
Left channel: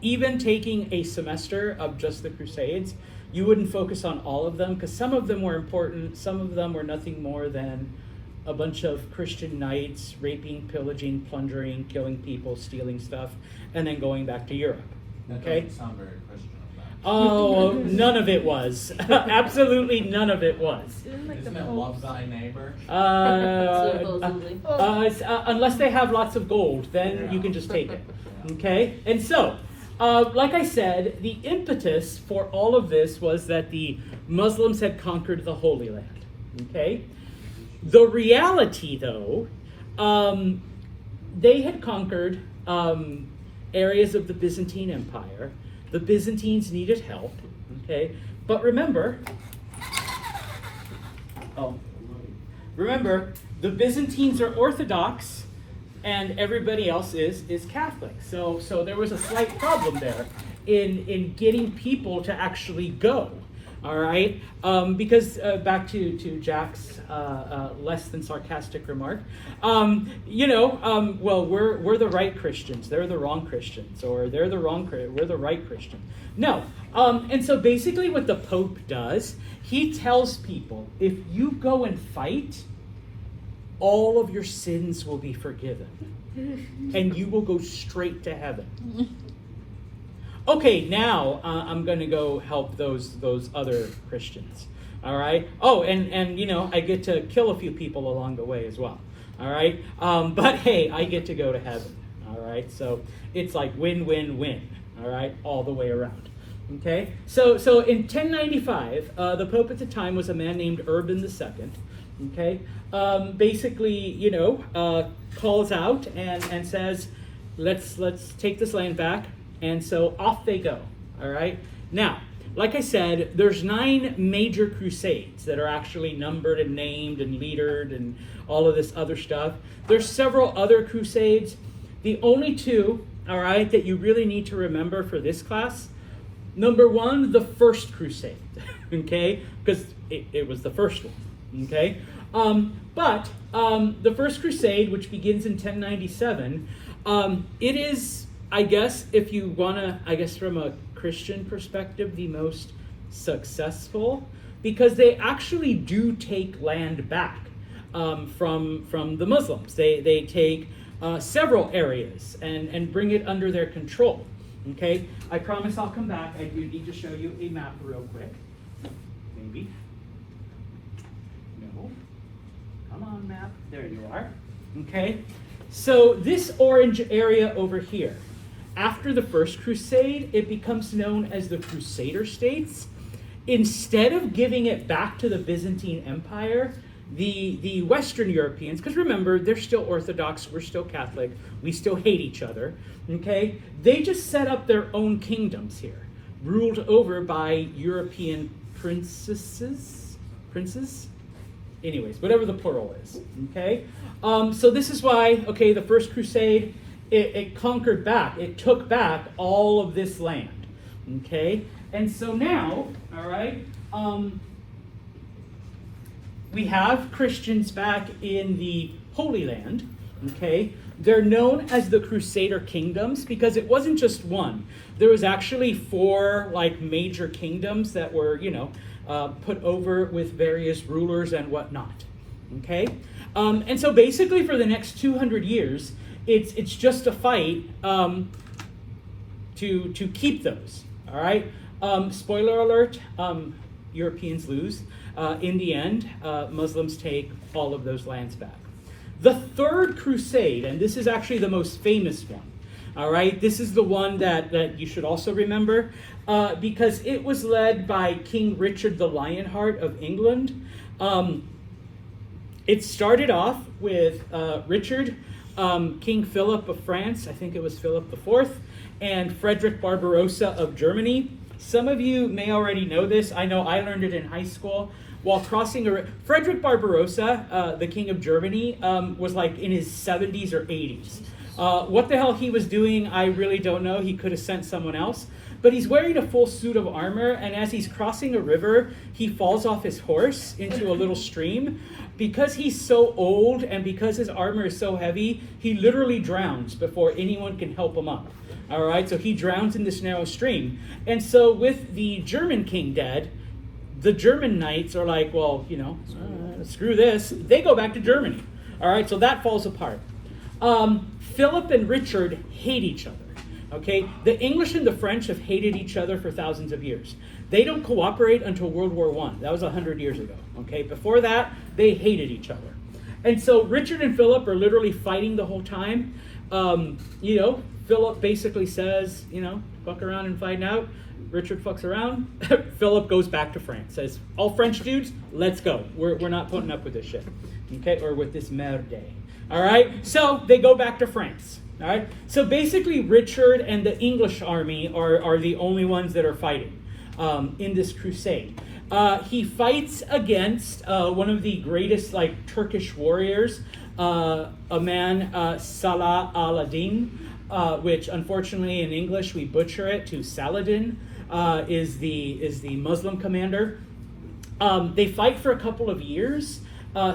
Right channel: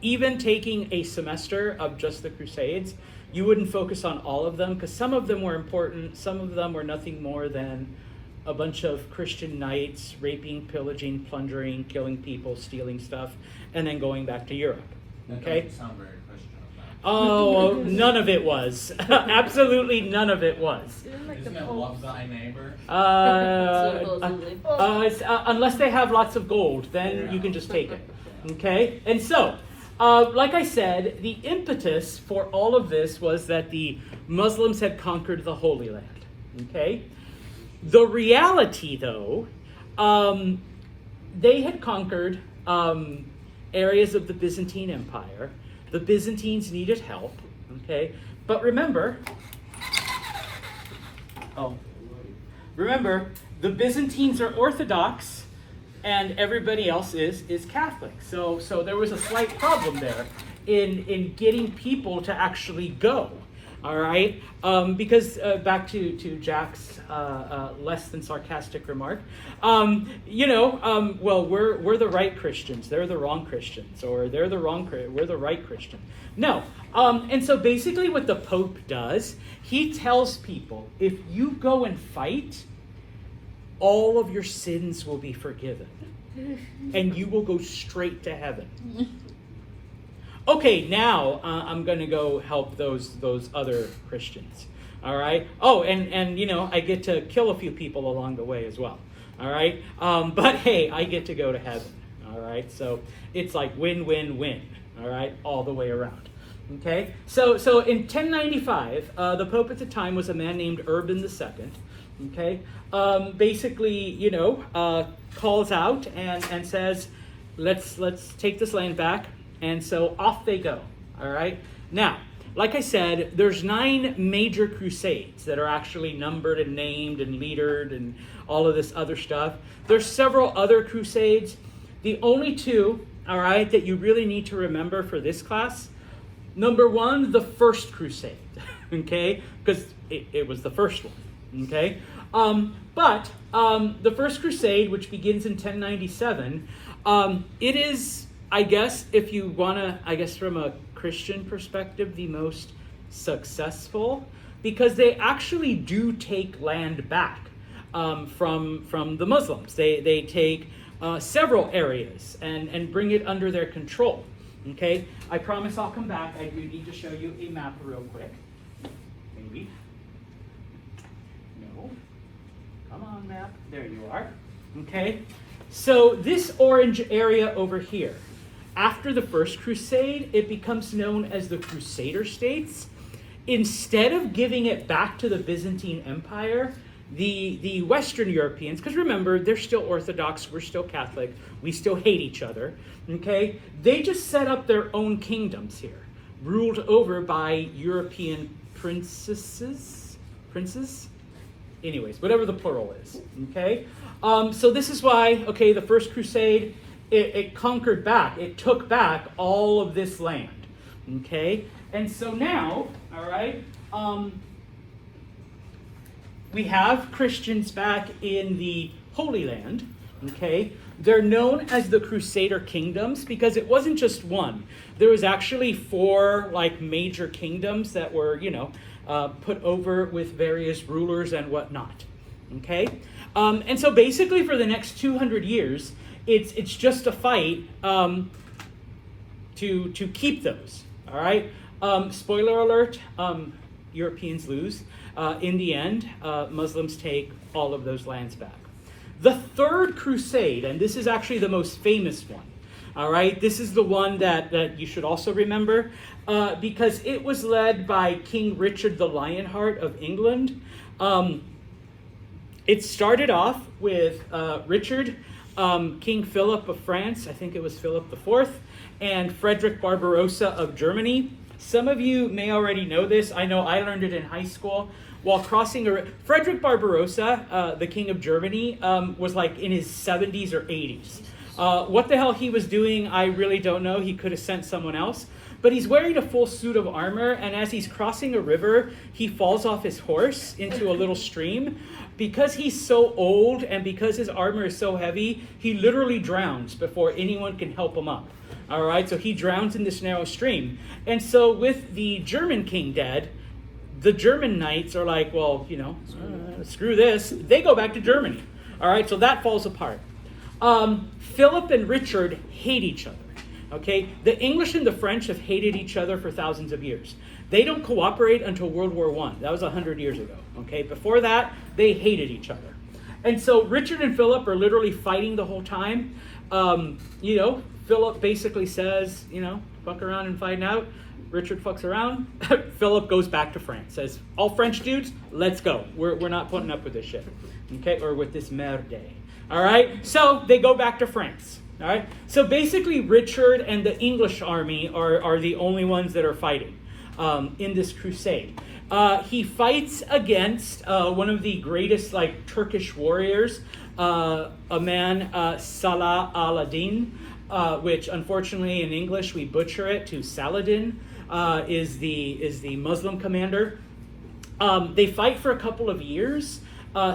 Even taking a semester of just the crusades, you wouldn't focus on all of them, because some of them were important, some of them were nothing more than a bunch of Christian knights raping, pillaging, plundering, killing people, stealing stuff, and then going back to Europe. Okay? That doesn't sound very Christian. Oh, none of it was. Absolutely none of it was. Isn't it love thy neighbor? Unless they have lots of gold, then you can just take it. Okay? And so, like I said, the impetus for all of this was that the Muslims had conquered the Holy Land. Okay? The reality, though, they had conquered areas of the Byzantine Empire. The Byzantines needed help. Okay? But remember, the Byzantines are Orthodox, and everybody else is Catholic. So there was a slight problem there in getting people to actually go. All right, because back to Jack's less than sarcastic remark, well, we're the right Christians, they're the wrong Christians, or we're the right Christian. No, and so basically what the Pope does, he tells people, if you go and fight, all of your sins will be forgiven, and you will go straight to heaven. Okay, now I'm going to go help those other Christians. All right. Oh, and I get to kill a few people along the way as well. All right. But hey, I get to go to heaven. All right. So it's like win, win, win. All right, all the way around. Okay. So in 1095, the Pope at the time was a man named Urban II. Okay. Basically, calls out and says, let's take this land back. And so off they go, all right? Now, like I said, there's 9 major crusades that are actually numbered and named and leadered and all of this other stuff. There's several other crusades. The only 2, all right, that you really need to remember for this class, number 1, the First Crusade, okay? Because it was the first one, okay? But the First Crusade, which begins in 1097, it is, I guess, if you want to, from a Christian perspective, the most successful, because they actually do take land back from the Muslims. They take several areas and bring it under their control. Okay? I promise I'll come back. I do need to show you a map real quick. Maybe. No. Come on, map. There you are. Okay? So this orange area over here, after the First Crusade, it becomes known as the Crusader States. Instead of giving it back to the Byzantine Empire, the Western Europeans, because remember, they're still Orthodox, we're still Catholic, we still hate each other, okay? They just set up their own kingdoms here, ruled over by European princes? Anyways, whatever the plural is, okay? So this is why, okay, the First Crusade, it conquered back, it took back all of this land, okay? And so now, all right, we have Christians back in the Holy Land, okay? They're known as the Crusader Kingdoms because it wasn't just one. There was actually 4 major kingdoms that were, put over with various rulers and whatnot, okay? And so basically for the next 200 years, it's just a fight to keep those, all right? Spoiler alert, Europeans lose. In the end, Muslims take all of those lands back. The Third Crusade, and this is actually the most famous one, all right? This is the one that you should also remember, because it was led by King Richard the Lionheart of England. It started off with Richard, King Philip of France, I think it was Philip IV, and Frederick Barbarossa of Germany. Some of you may already know this. I know I learned it in high school. While crossing, Frederick Barbarossa, the King of Germany, was like in his 70s or 80s. What the hell he was doing, I really don't know. He could have sent someone else. But he's wearing a full suit of armor, and as he's crossing a river, he falls off his horse into a little stream. Because he's so old and because his armor is so heavy, he literally drowns before anyone can help him up. All right, so he drowns in this narrow stream. And so with the German king dead, the German knights are like, well, screw this. They go back to Germany. All right, so that falls apart. Philip and Richard hate each other. Okay, the English and the French have hated each other for thousands of years. They don't cooperate until World War I. That was 100 years ago. Okay, before that, they hated each other. And so Richard and Philip are literally fighting the whole time. Philip basically says, fuck around and find out. Richard fucks around. Philip goes back to France. Says, all French dudes, let's go. We're not putting up with this shit. Okay, or with this merde. All right, so they go back to France. All right, so basically Richard and the English army are the only ones that are fighting in this crusade. He fights against one of the greatest Turkish warriors, a man, Salah al-Din, which unfortunately in English we butcher it to Saladin, is the Muslim commander. They fight for a couple of years.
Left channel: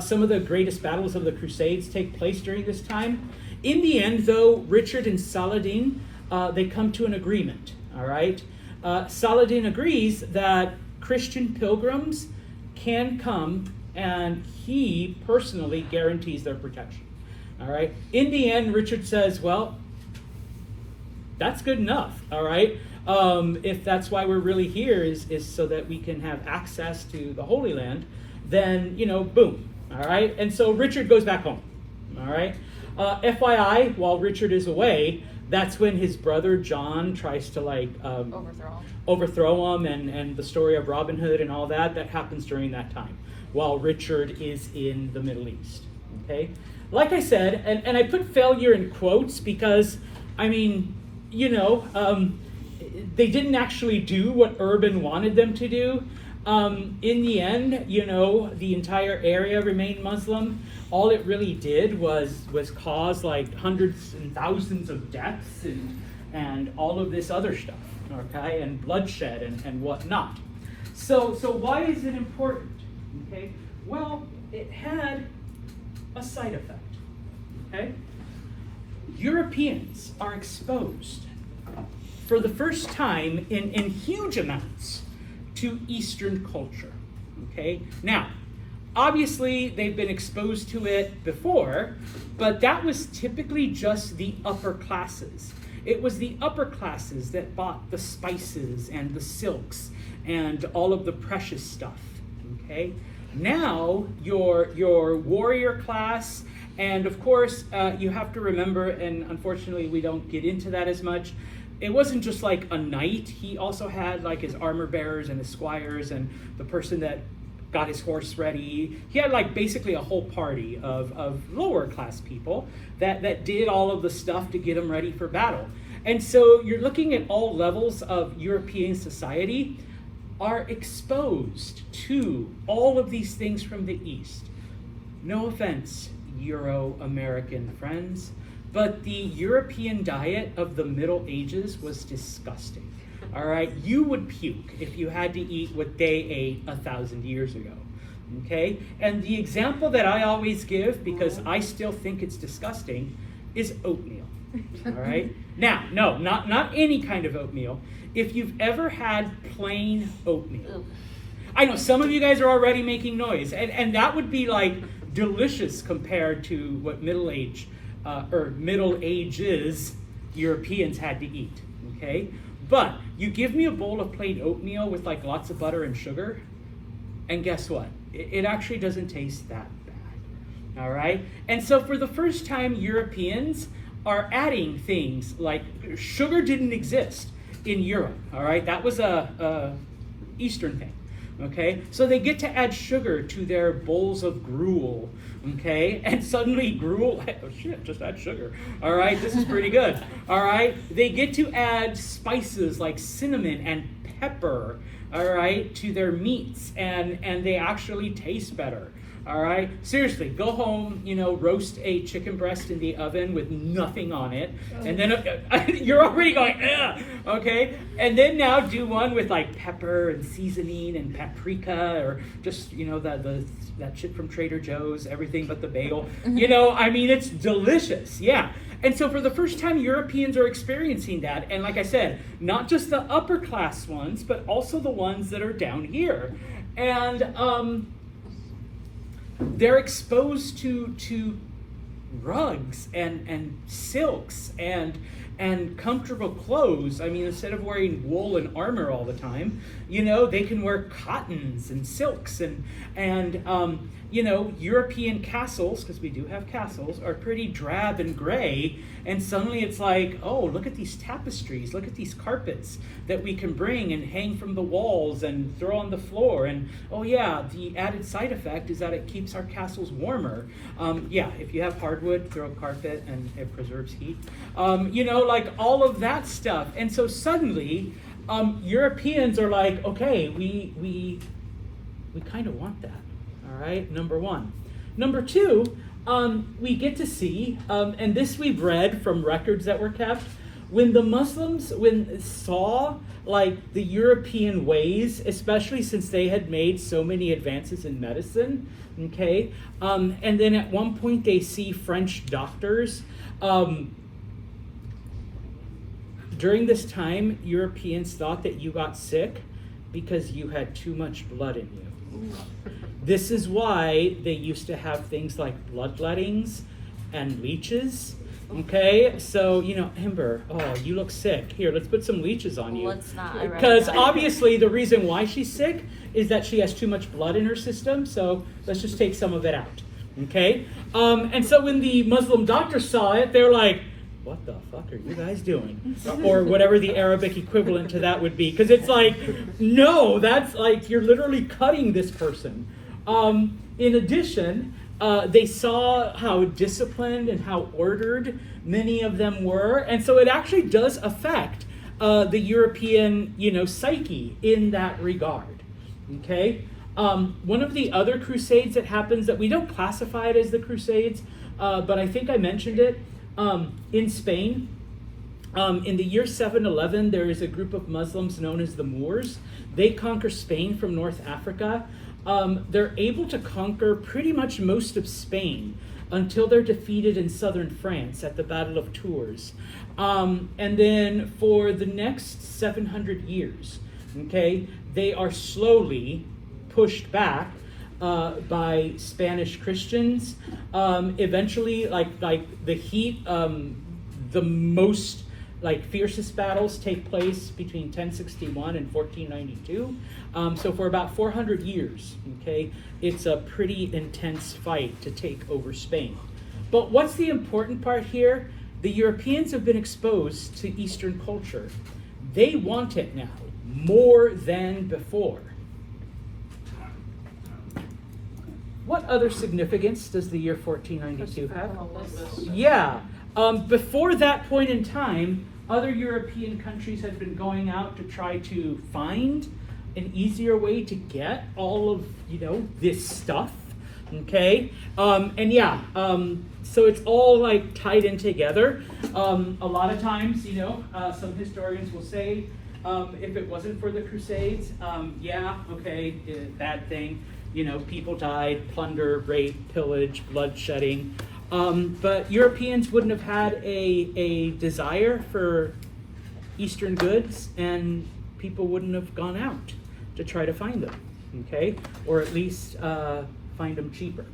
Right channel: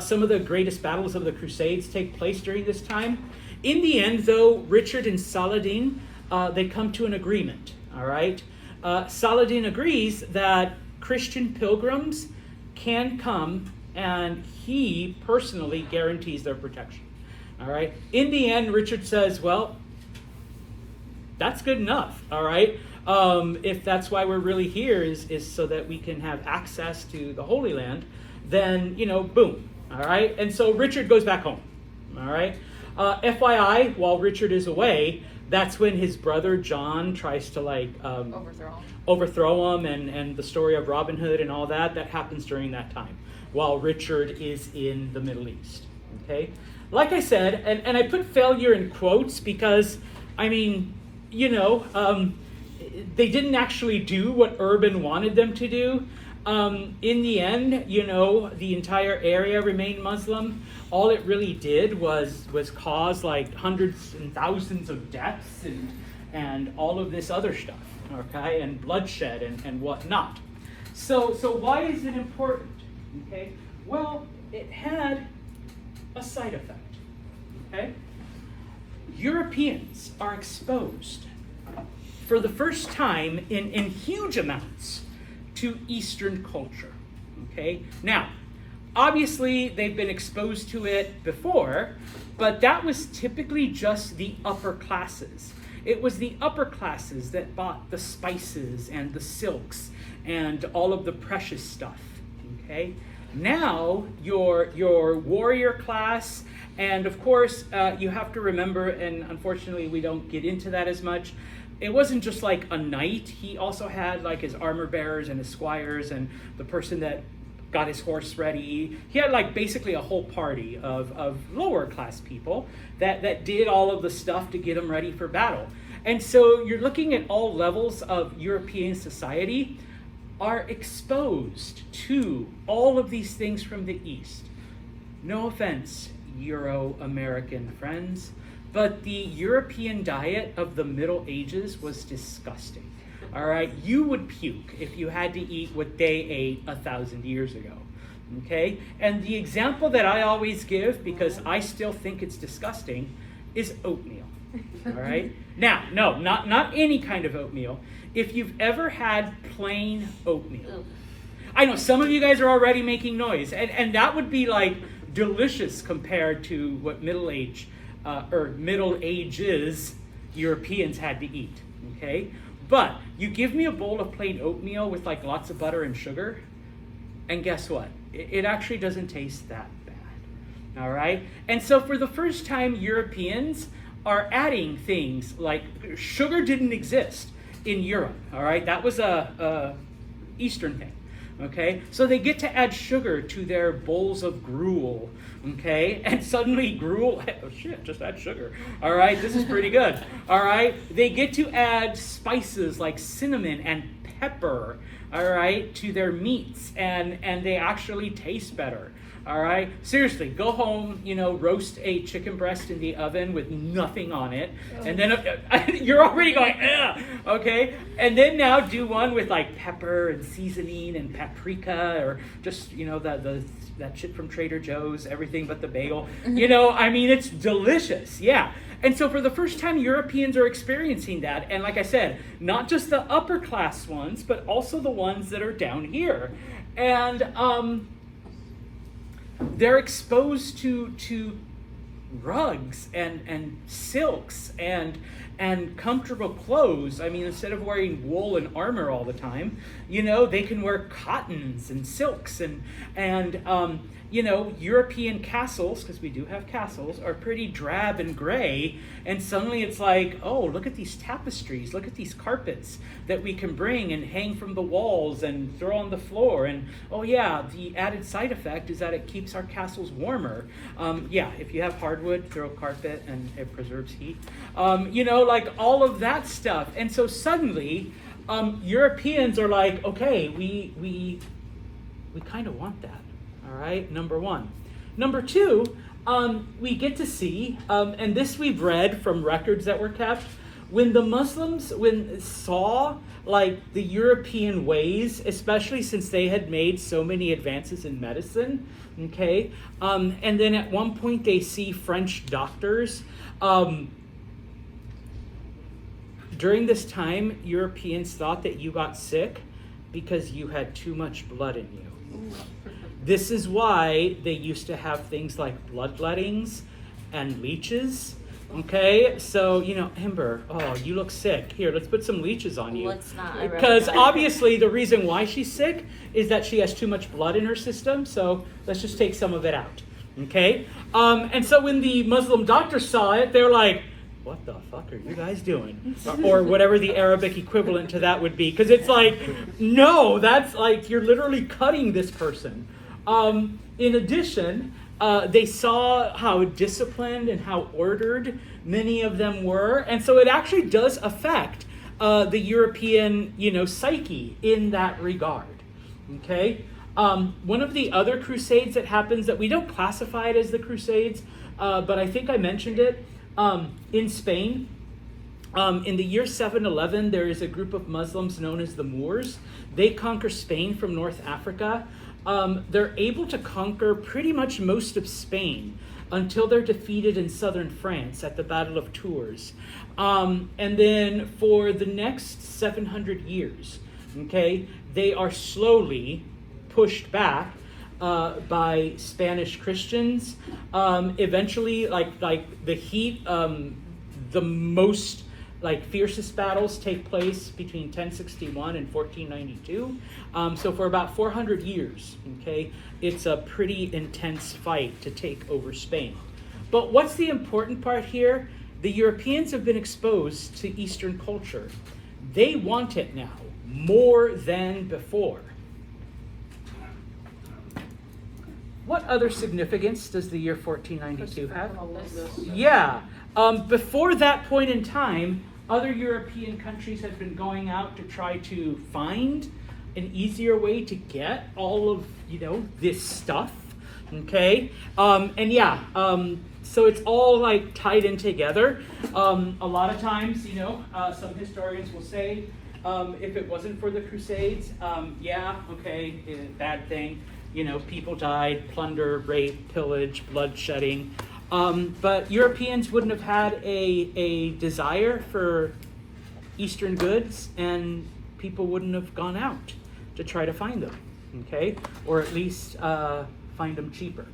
Some of the greatest battles of the Crusades take place during this time. In the end, though, Richard and Saladin, they come to an agreement, all right? Saladin agrees that Christian pilgrims can come, and he personally guarantees their protection, all right? In the end, Richard says, well, that's good enough, all right? If that's why we're really here is so that we can have access to the Holy Land, then, boom, all right? And so Richard goes back home, all right? FYI, while Richard is away, that's when his brother John tries to overthrow him, and the story of Robin Hood and all that happens during that time, while Richard is in the Middle East, okay? Like I said, and I put failure in quotes because, they didn't actually do what Urban wanted them to do. In the end, the entire area remained Muslim. All it really did was cause hundreds and thousands of deaths and all of this other stuff, okay, and bloodshed and whatnot. So why is it important? Okay, well, it had a side effect. Okay, Europeans are exposed for the first time in huge amounts to Eastern culture. Okay, now, obviously they've been exposed to it before, but that was typically just the upper classes. It was the upper classes that bought the spices and the silks and all of the precious stuff. Okay, now your warrior class, and of course you have to remember, and unfortunately we don't get into that as much, it wasn't just like a knight. He also had his armor bearers and his squires and the person that got his horse ready. He had basically a whole party of lower class people that did all of the stuff to get him ready for battle. And so you're looking at all levels of European society are exposed to all of these things from the East. No offense, Euro-American friends, but the European diet of the Middle Ages was disgusting. All right, you would puke if you had to eat what they ate 1,000 years ago. Okay, and the example that I always give, because I still think it's disgusting, is oatmeal. All right, now, no, not any kind of oatmeal. If you've ever had plain oatmeal, I know some of you guys are already making noise, and that would be delicious compared to what Middle Ages Europeans had to eat. Okay. But you give me a bowl of plain oatmeal with lots of butter and sugar, and guess what? It actually doesn't taste that bad. All right? And so for the first time, Europeans are adding things like sugar didn't exist in Europe. All right? That was a Eastern thing. Okay? So they get to add sugar to their bowls of gruel. Okay? And suddenly gruel, oh shit, just add sugar. All right? This is pretty good. All right? They get to add spices like cinnamon and pepper, all right, to their meats, and they actually taste better. All right, seriously, go home, roast a chicken breast in the oven with nothing on it, and then you're already going, ugh, okay, and then now do one with like pepper and seasoning and paprika, or just that shit from Trader Joe's, everything but the bagel. It's delicious, yeah. And so for the first time, Europeans are experiencing that. And like I said, not just the upper class ones, but also the ones that are down here. And they're exposed to rugs and silks and comfortable clothes. Instead of wearing wool and armor all the time, they can wear cottons and silks and European castles, because we do have castles, are pretty drab and gray, and suddenly it's like, oh, look at these tapestries, look at these carpets that we can bring and hang from the walls and throw on the floor, and oh yeah, the added side effect is that it keeps our castles warmer. If you have hardwood, throw a carpet and it preserves heat. Like all of that stuff. And so suddenly, Europeans are like, okay, we kind of want that. All right, number one. Number two, we get to see, and this we've read from records that were kept, when the Muslims saw like the European ways, especially since they had made so many advances in medicine, okay, and then at one point they see French doctors. During this time, Europeans thought that you got sick because you had too much blood in you. This is why they used to have things like bloodlettings and leeches. Okay, so, Amber, oh, you look sick. Here, let's put some leeches on you. Let's not. Because obviously the reason why she's sick is that she has too much blood in her system, so let's just take some of it out. Okay? And so when the Muslim doctors saw it, they're like, what the fuck are you guys doing? Or whatever the Arabic equivalent to that would be. Because it's like, no, that's like, you're literally cutting this person. In addition, they saw how disciplined and how ordered many of them were. And so it actually does affect the European, psyche in that regard. Okay? One of the other crusades that happens that we don't classify it as the crusades, but I think I mentioned it, in Spain. In the year 711, there is a group of Muslims known as the Moors. They conquer Spain from North Africa. They're able to conquer pretty much most of Spain until they're defeated in southern France at the Battle of Tours. And then for the next 700 years, okay, they are slowly pushed back by Spanish Christians. Eventually, like the heat, the most fiercest battles take place between 1061 and 1492. So for about 400 years, okay, it's a pretty intense fight to take over Spain. But what's the important part here? The Europeans have been exposed to Eastern culture. They want it now more than before. What other significance does the year 1492 have? Yeah. Before that point in time, other European countries had been going out to try to find an easier way to get all of, this stuff, okay? So it's all tied in together. A lot of times, some historians will say, if it wasn't for the Crusades, bad thing. People died, plunder, rape, pillage, bloodshedding. But Europeans wouldn't have had a desire for Eastern goods, and people wouldn't have gone out to try to find them, okay? Or at least find them cheaper,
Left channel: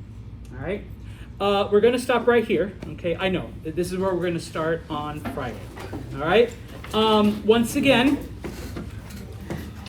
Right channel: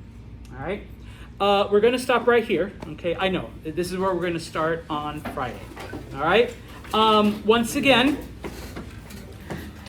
all right? We're going to stop right here, okay? I know, this is where we're going to start on Friday, all right? Once again,